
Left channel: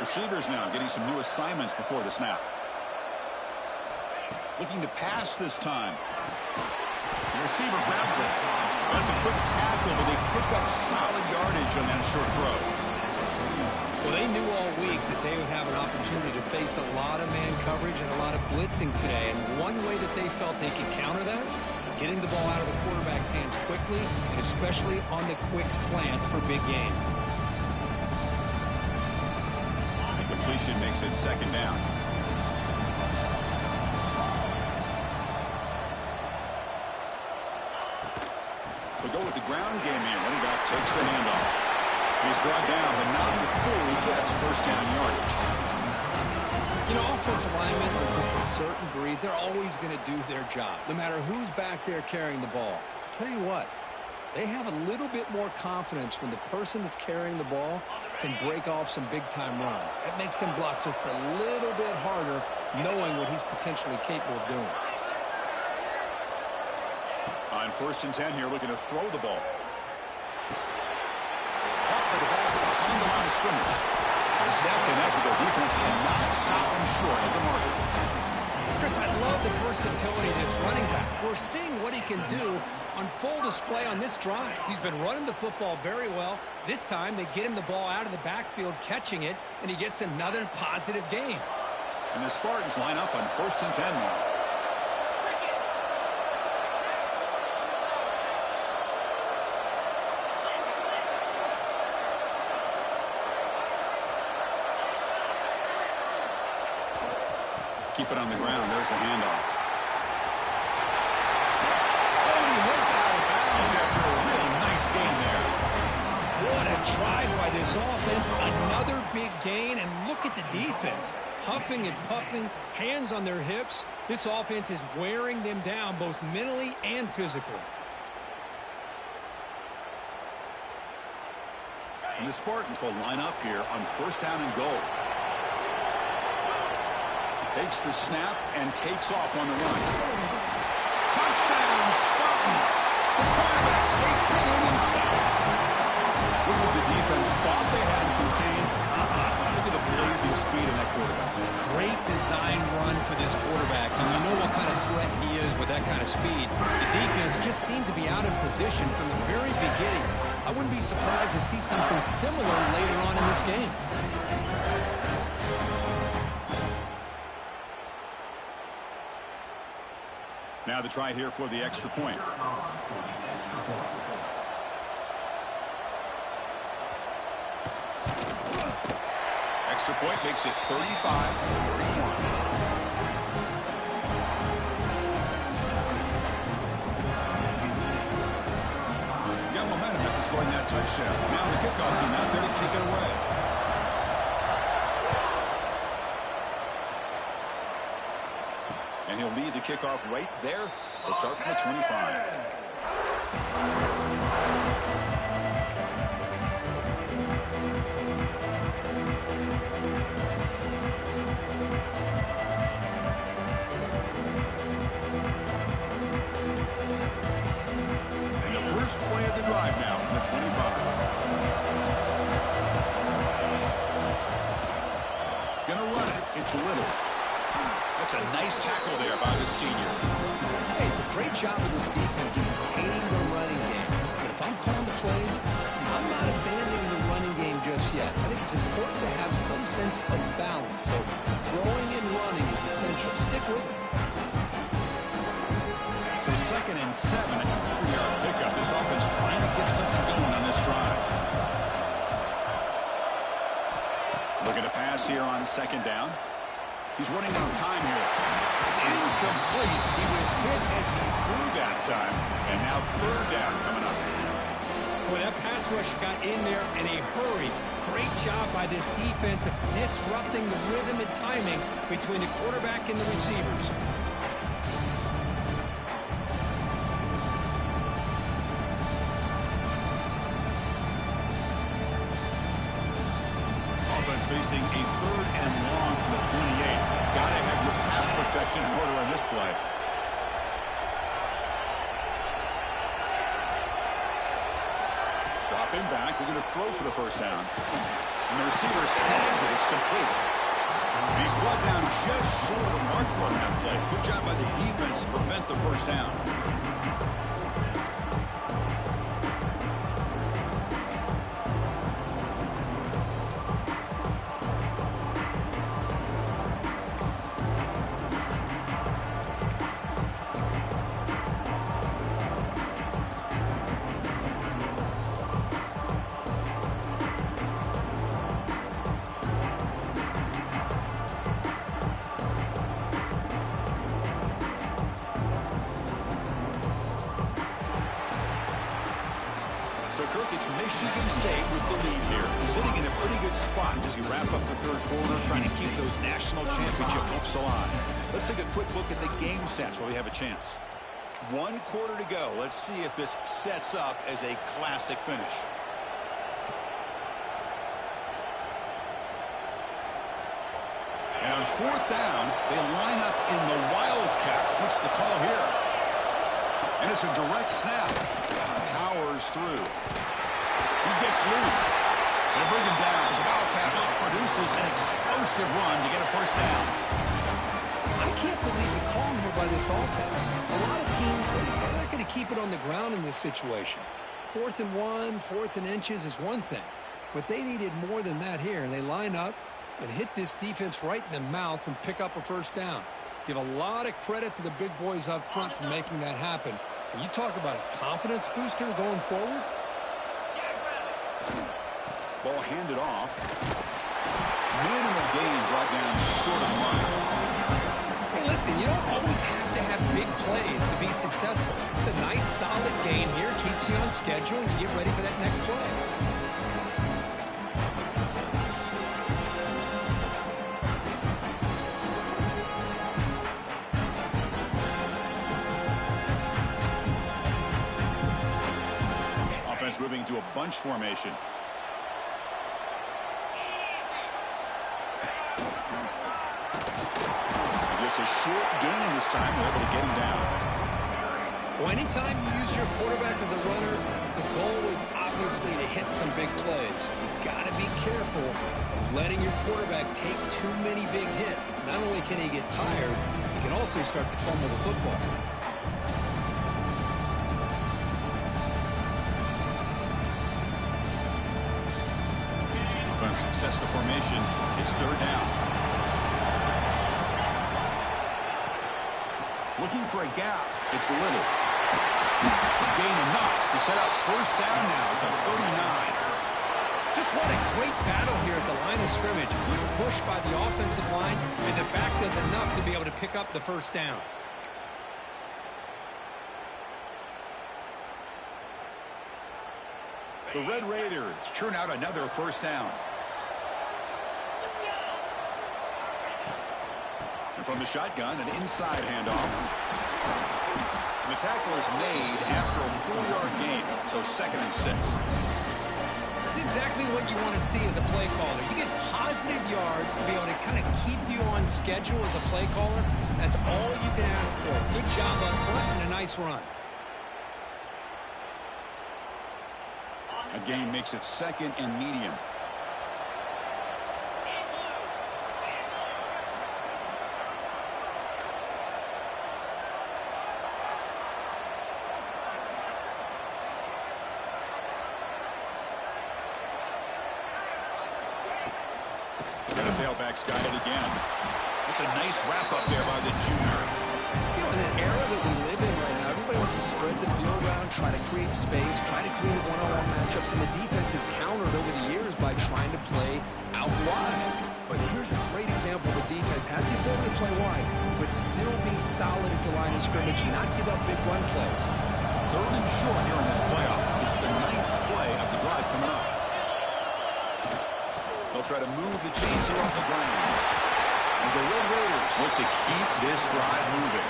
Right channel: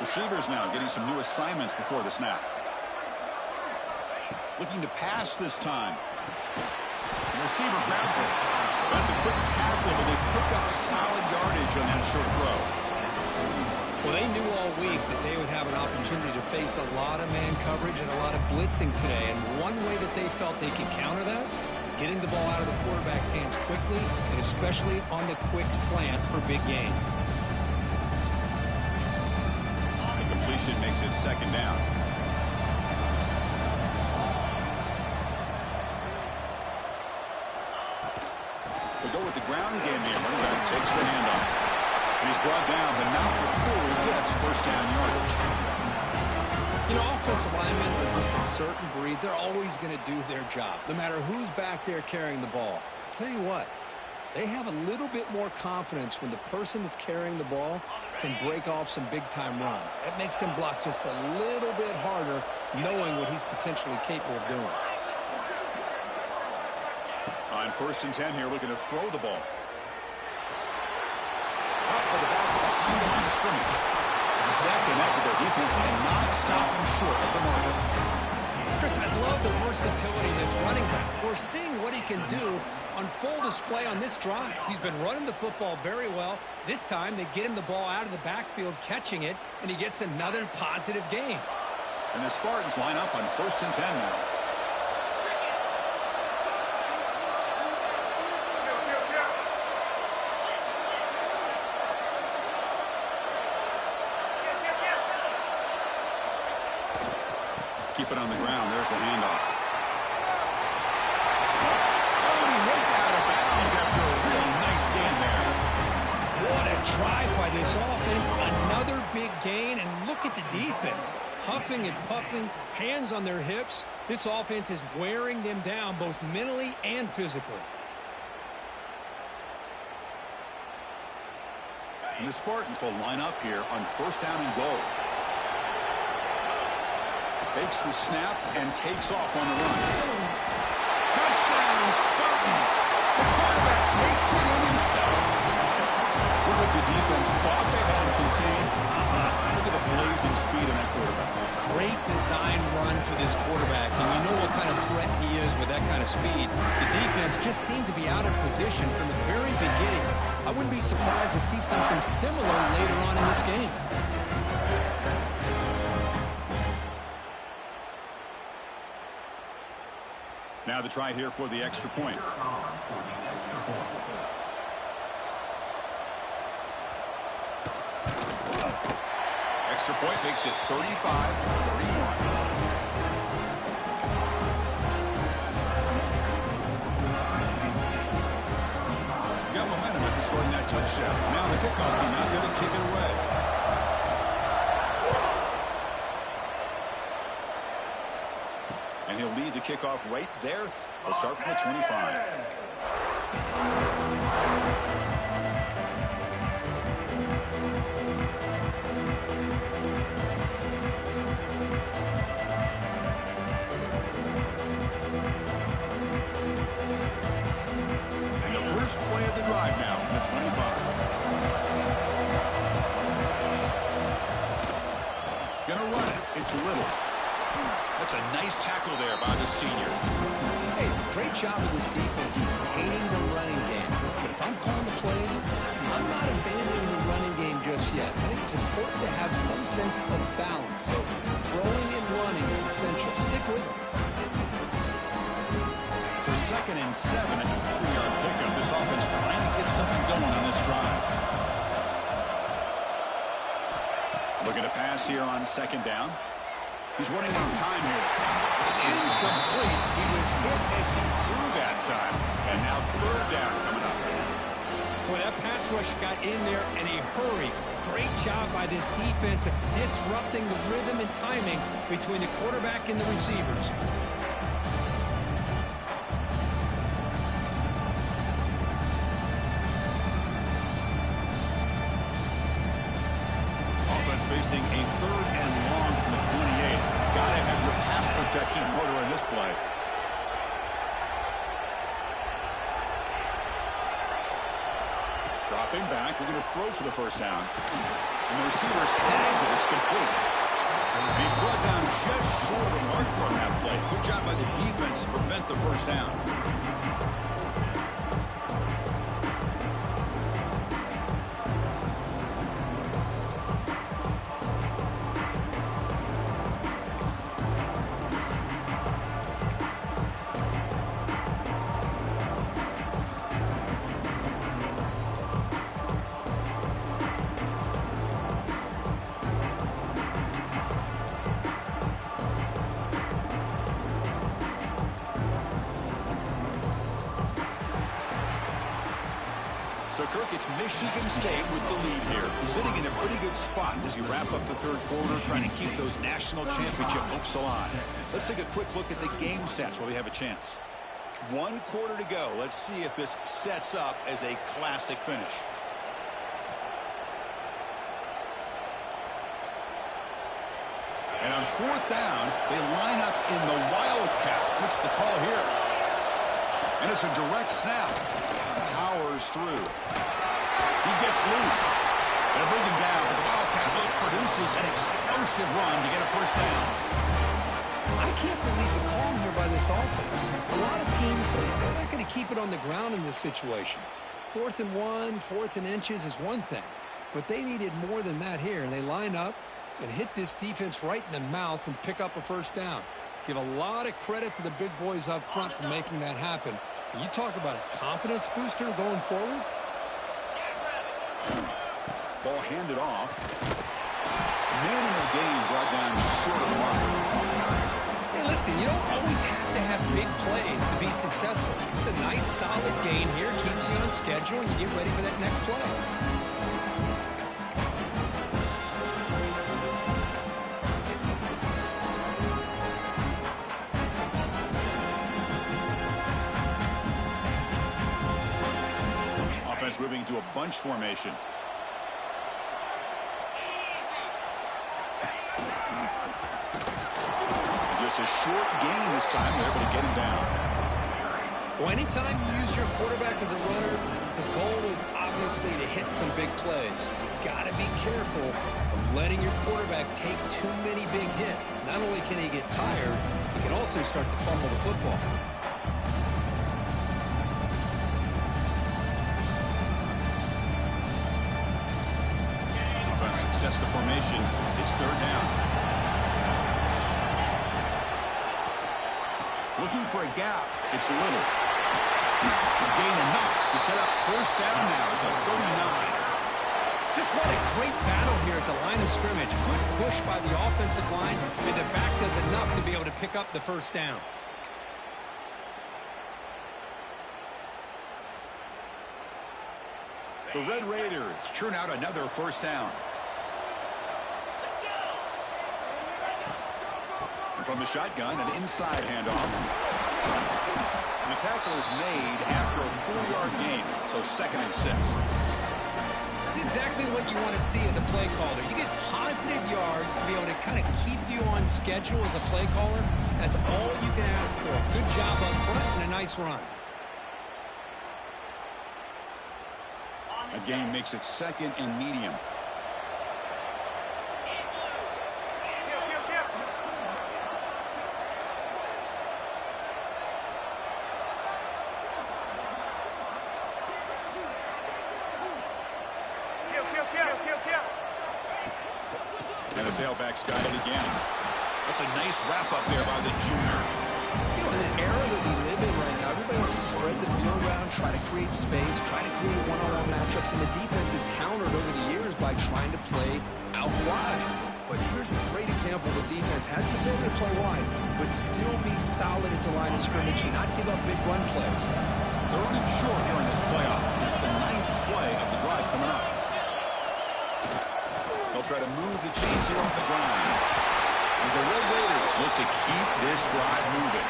Receivers now getting some new assignments before the snap. Looking to pass this time. The receiver grabs it. That's a quick tackle, but they pick up solid yardage on that short throw. Well, they knew all week that they would have an opportunity to face a lot of man coverage and a lot of blitzing today. And one way that they felt they could counter that, getting the ball out of the quarterback's hands quickly, and especially on the quick slants for big gains. The completion makes it 2nd down. We'll go with the ground game here. Running back takes the handoff. And he's brought down, but not before he gets first down yardage. You know, offensive linemen are just a certain breed. They're always going to do their job, no matter who's back there carrying the ball. I'll tell you what, they have a little bit more confidence when the person that's carrying the ball can break off some big-time runs. That makes them block just a little bit harder, knowing what he's potentially capable of doing. On 1st and 10 here, looking to throw the ball. Caught by the back behind the line of scrimmage. Second effort, their defense cannot stop him short of the marker. Chris, I love the versatility of this running back. We're seeing what he can do on full display on this drive. He's been running the football very well. This time, they get him the ball out of the backfield, catching it, and he gets another positive gain. And the Spartans line up on 1st and 10 now. Keep it on the ground. There's the handoff. Oh, and he hits out of bounds after a real nice gain there. What a drive by this offense. Another big gain, and look at the defense. Huffing and puffing, hands on their hips. This offense is wearing them down both mentally and physically. And the Spartans will line up here on 1st down and goal. Takes the snap and takes off on the run. Touchdown, Spartans! The quarterback takes it in himself. Look what the defense thought they had him contained. Look at the blazing speed in that quarterback. Great design run for this quarterback, and you know what kind of threat he is with that kind of speed. The defense just seemed to be out of position from the very beginning. I wouldn't be surprised to see something similar later on in this game. Now the try here for the extra point. Extra point makes it 35-31. Got momentum after scoring that touchdown. Now the kickoff team out there to kick it away. And he'll lead the kickoff right there. They'll start from the 25. And the first play of the drive now from the 25. Gonna run it. It's Little. That's a nice tackle there by the senior. Hey, it's a great job of this defense containing the running game. But if I'm calling the plays, I'm not abandoning the running game just yet. I think it's important to have some sense of balance. So throwing and running is essential. Stick with it. So 2nd and 7 at the 3-yard pickup. This offense trying to get something going on this drive. Looking to pass here on 2nd down. He's running out of time here. It's incomplete. He was hit as he threw that time. And now 3rd down coming up. Boy, that pass rush got in there in a hurry. Great job by this defense of disrupting the rhythm and timing between the quarterback and the receivers. Offense facing a 3rd and long from the 28. Gotta have your pass protection in order in this play. Dropping back, looking to throw for the 1st down. And the receiver sags it, it's complete. And he's brought down just short of the marker on that play. Good job by the defense to prevent the 1st down. So, Kirk, it's Michigan State with the lead here. Sitting in a pretty good spot as you wrap up the 3rd quarter, trying to keep those national championship hopes alive. Let's take a quick look at the game stats while we have a chance. 1 quarter to go. Let's see if this sets up as a classic finish. And on 4th down, they line up in the Wildcat. What's the call here? And it's a direct snap. Powers through. He gets loose. They bring him down, but the Wildcat produces an explosive run to get a 1st down. I can't believe the calm here by this offense. A lot of teams, they're not going to keep it on the ground in this situation. 4th and 1, 4th and inches is one thing. But they needed more than that here, and they line up and hit this defense right in the mouth and pick up a 1st down. Give a lot of credit to the big boys up front for making that happen. You talk about a confidence booster going forward. Ball handed off. Minimal gain brought down short of the mark. Hey, listen, you don't always have to have big plays to be successful. It's a nice, solid gain here. Keeps you on schedule, and you get ready for that next play. Offense moving to a bunch formation. Just a short gain this time. They're able to get him down. Well, anytime you use your quarterback as a runner, the goal is obviously to hit some big plays. You got to be careful of letting your quarterback take too many big hits. Not only can he get tired, he can also start to fumble the football. Offense success the formation. It's third down. Looking for a gap. It's Little. Gain enough to set up first down now at the 39. Just what a great battle here at the line of scrimmage. Good push by the offensive line, and the back does enough to be able to pick up the first down. The Red Raiders churn out another first down. And from the shotgun, an inside handoff. And the tackle is made after a 4-yard gain, so 2nd and 6. It's exactly what you want to see as a play caller. You get positive yards to be able to kind of keep you on schedule as a play caller. That's all you can ask for. Good job up front and a nice run. A gain makes it 2nd and medium. And the tailback's got it again. That's a nice wrap up there by the junior. You know, in an era that we live in right now, everybody wants to spread the field around, try to create space, try to create one-on-one matchups, and the defense is countered over the years by trying to play out wide. But here's a great example. The defense has the ability to play wide, but still be solid at the line of scrimmage and not give up big run plays. 3rd and short here in this playoff. It's the 9th play of the drive coming up. They'll try to move the chains here off the ground. And the Red Raiders look to keep this drive moving.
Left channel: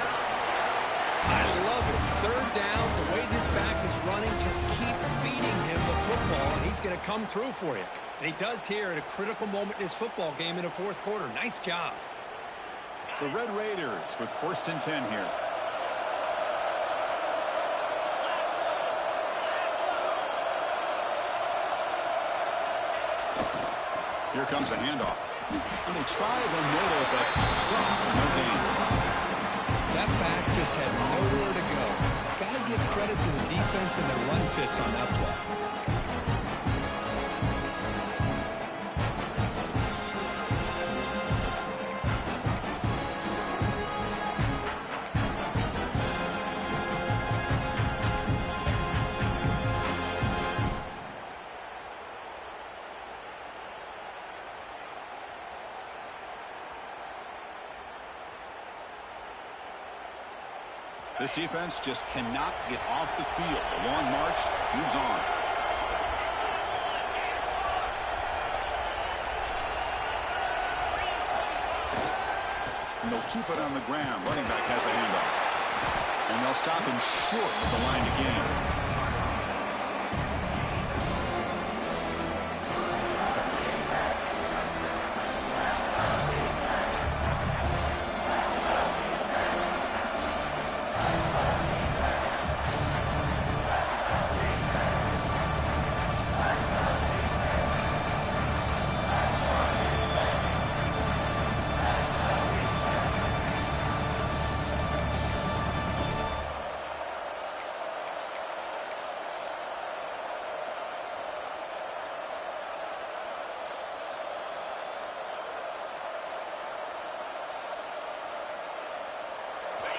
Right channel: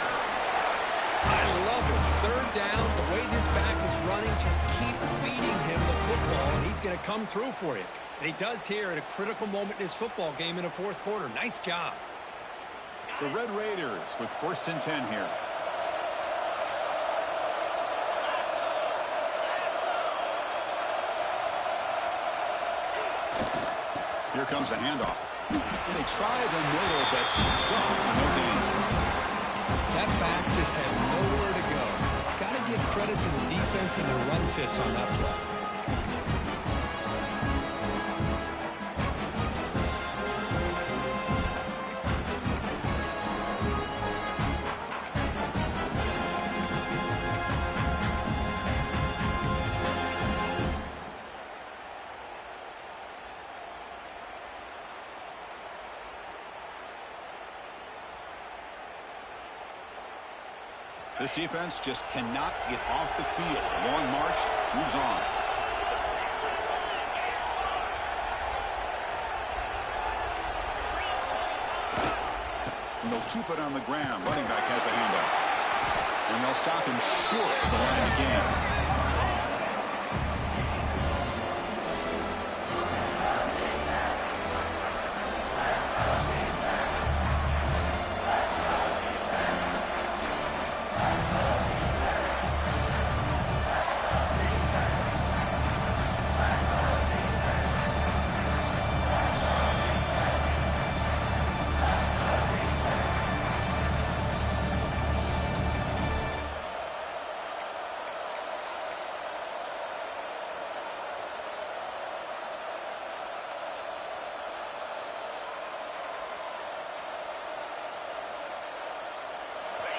I love it. 3rd down, the way this back is running, just keep feeding him the football, and he's going to come through for you. And he does here at a critical moment in his football game in the 4th quarter. Nice job. The Red Raiders with 1st and 10 here. Here comes a handoff. And they try the middle, but stuck for no gain. That back just had nowhere to go. Got to give credit to the defense and their run fits on that play. This defense just cannot get off the field. A long march moves on. And they'll keep it on the ground. Running back has the handoff. And they'll stop him short of the line to gain.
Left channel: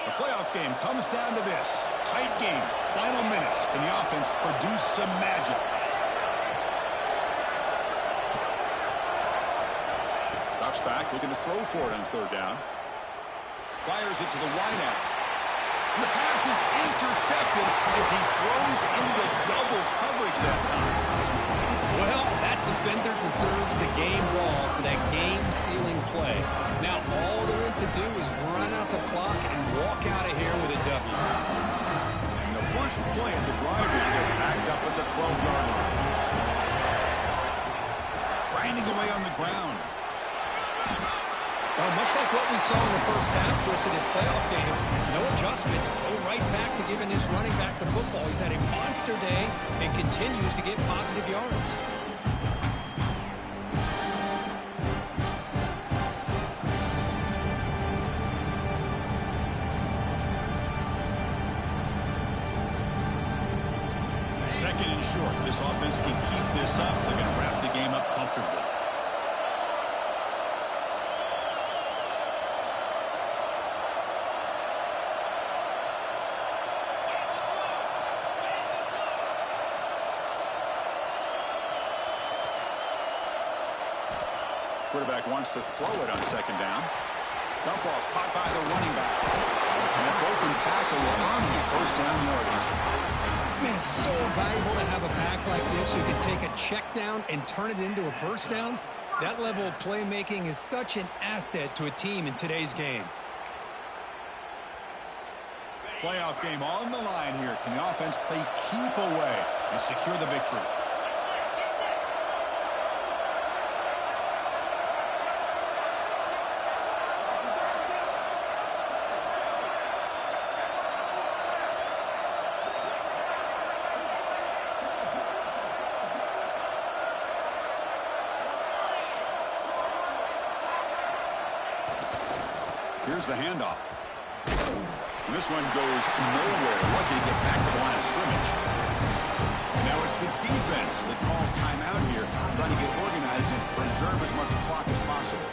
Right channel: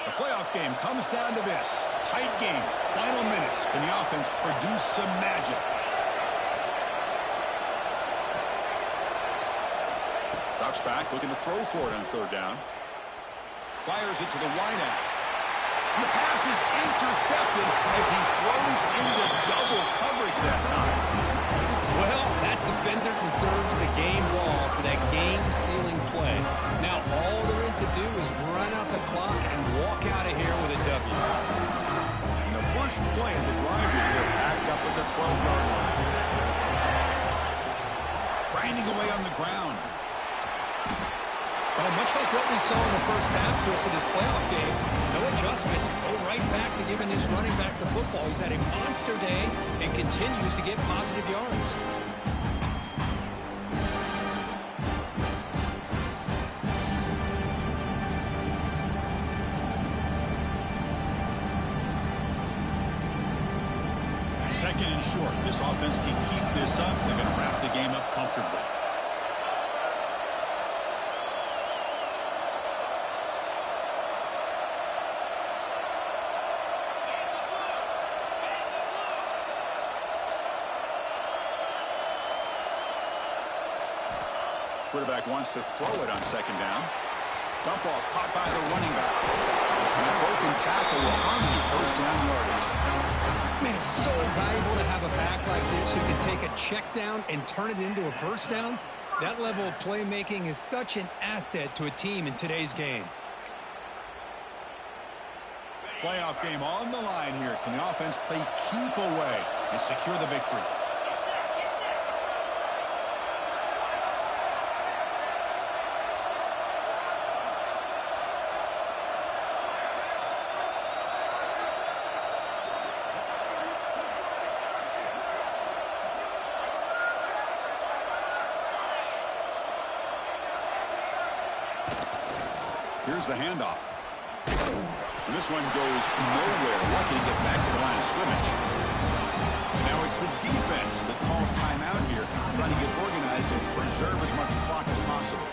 The playoff game comes down to this. Tight game. Final minutes. Can the offense produce some magic? Drops back, looking to throw for it on 3rd down. Fires it to the wideout. And the pass is intercepted as he throws into double coverage that time. Well, that defender deserves the game ball for that game-sealing play. Now, all there is to do is run out the clock and walk out of here with a W. And the first play of the drive here, they're packed up at the 12-yard line. Grinding away on the ground. Well, much like what we saw in the first half, Chris, of this playoff game, no adjustments. Go right back to giving this running back the football. He's had a monster day and continues to get positive yards. Second and short. This offense can keep this up. They're going to wrap the game up comfortably. Quarterback wants to throw it on second down. Dump off caught by the running back. And a broken tackle will earn him first down yardage. Man, it's so valuable to have a back like this who can take a check down and turn it into a first down. That level of playmaking is such an asset to a team in today's game. Playoff game on the line here. Can the offense play keep away and secure the victory? Here's the handoff. And this one goes nowhere. Lucky to get back to the line of scrimmage. And now it's the defense that calls timeout here, trying to get organized and preserve as much clock as possible.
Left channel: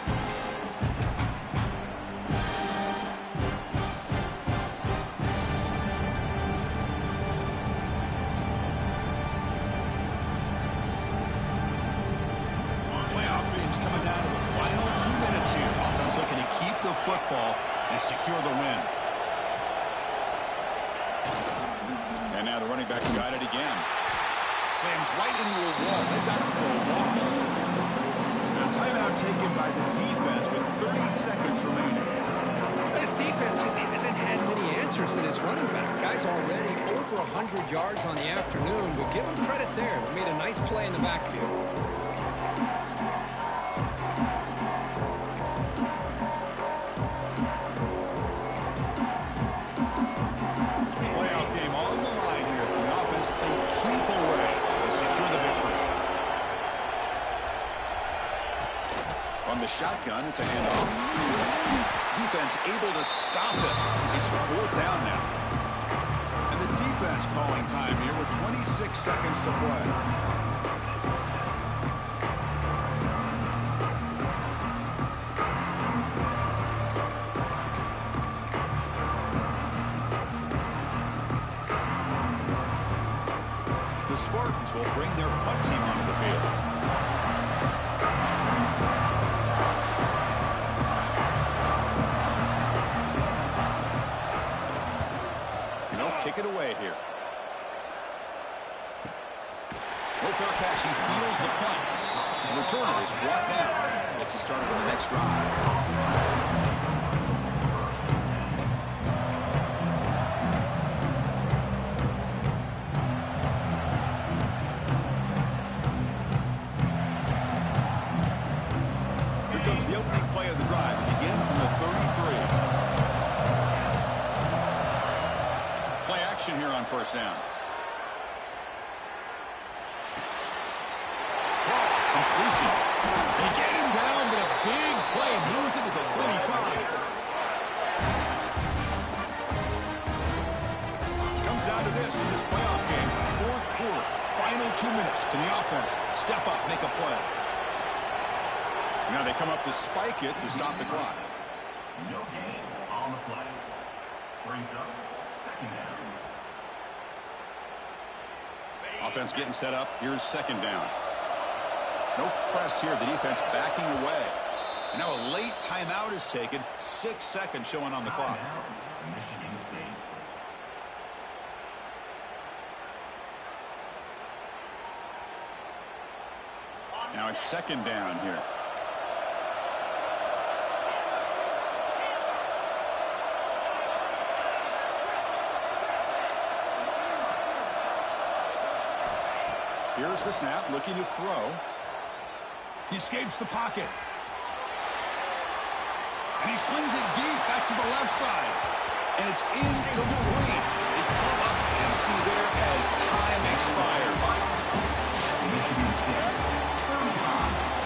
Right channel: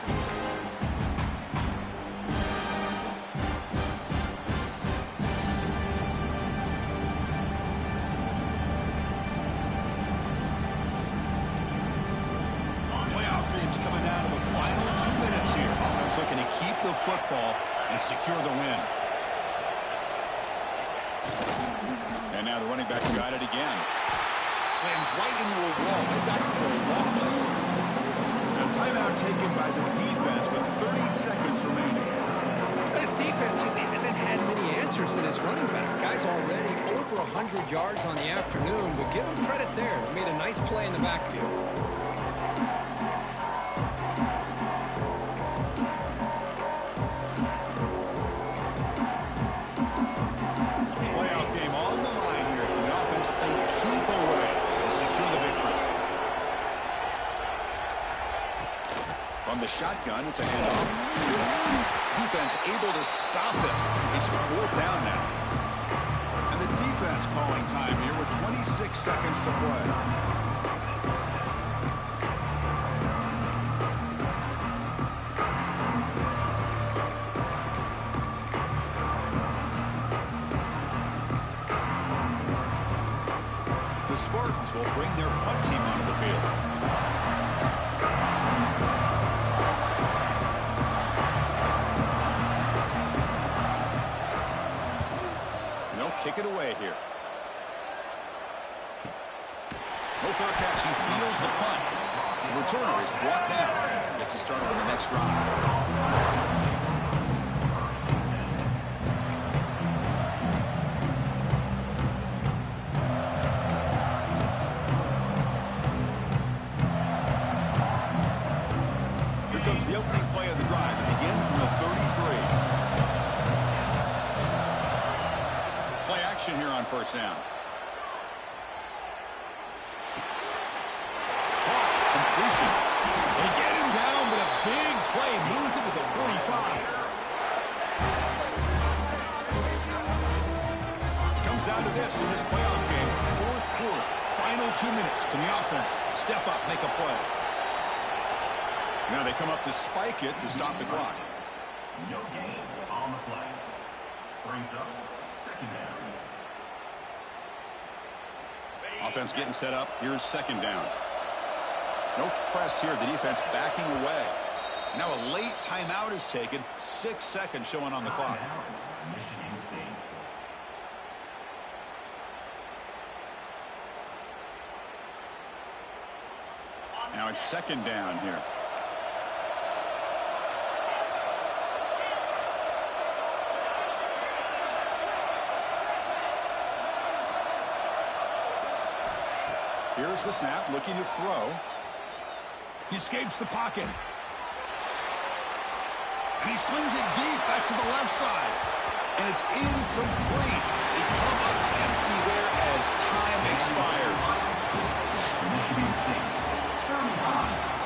Coming down to the final 2 minutes here. Offense looking to keep the football and secure the win. And now the running back's got it again. Slams right into a wall. They've got him for a loss. Now timeout taken by the defense with 30 seconds remaining. This defense just hasn't had many answers for this running back. Guy's already over 100 yards on the afternoon, but give him credit there. He made a nice play in the backfield. From the shotgun, it's a handoff. Defense able to stop it. It's fourth down now. And the defense calling time here with 26 seconds to play. The Spartans will bring their punt team onto the field. Kick it away here. No fair catch. He feels the punt. The returner is brought down. Gets us started on the next drive. Here comes the opening play of the drive. It begins from the 33. Play action here on first down. Caught. Completion. They get him down, but a big play moves into the 45. Comes down to this in this playoff game. Fourth quarter. Final 2 minutes. Can the offense step up, make a play? Now they come up to spike it to stop the clock. No gain on the play. Brings up second down. Offense getting set up. Here's second down. No press here. The defense backing away. And now a late timeout is taken. 6 seconds showing on the clock. Michigan State. Now it's second down here. Here's the snap, looking to throw. He escapes the pocket. And he slings it deep back to the left side. And it's incomplete. They come up empty there as time expires. Michigan State, 35.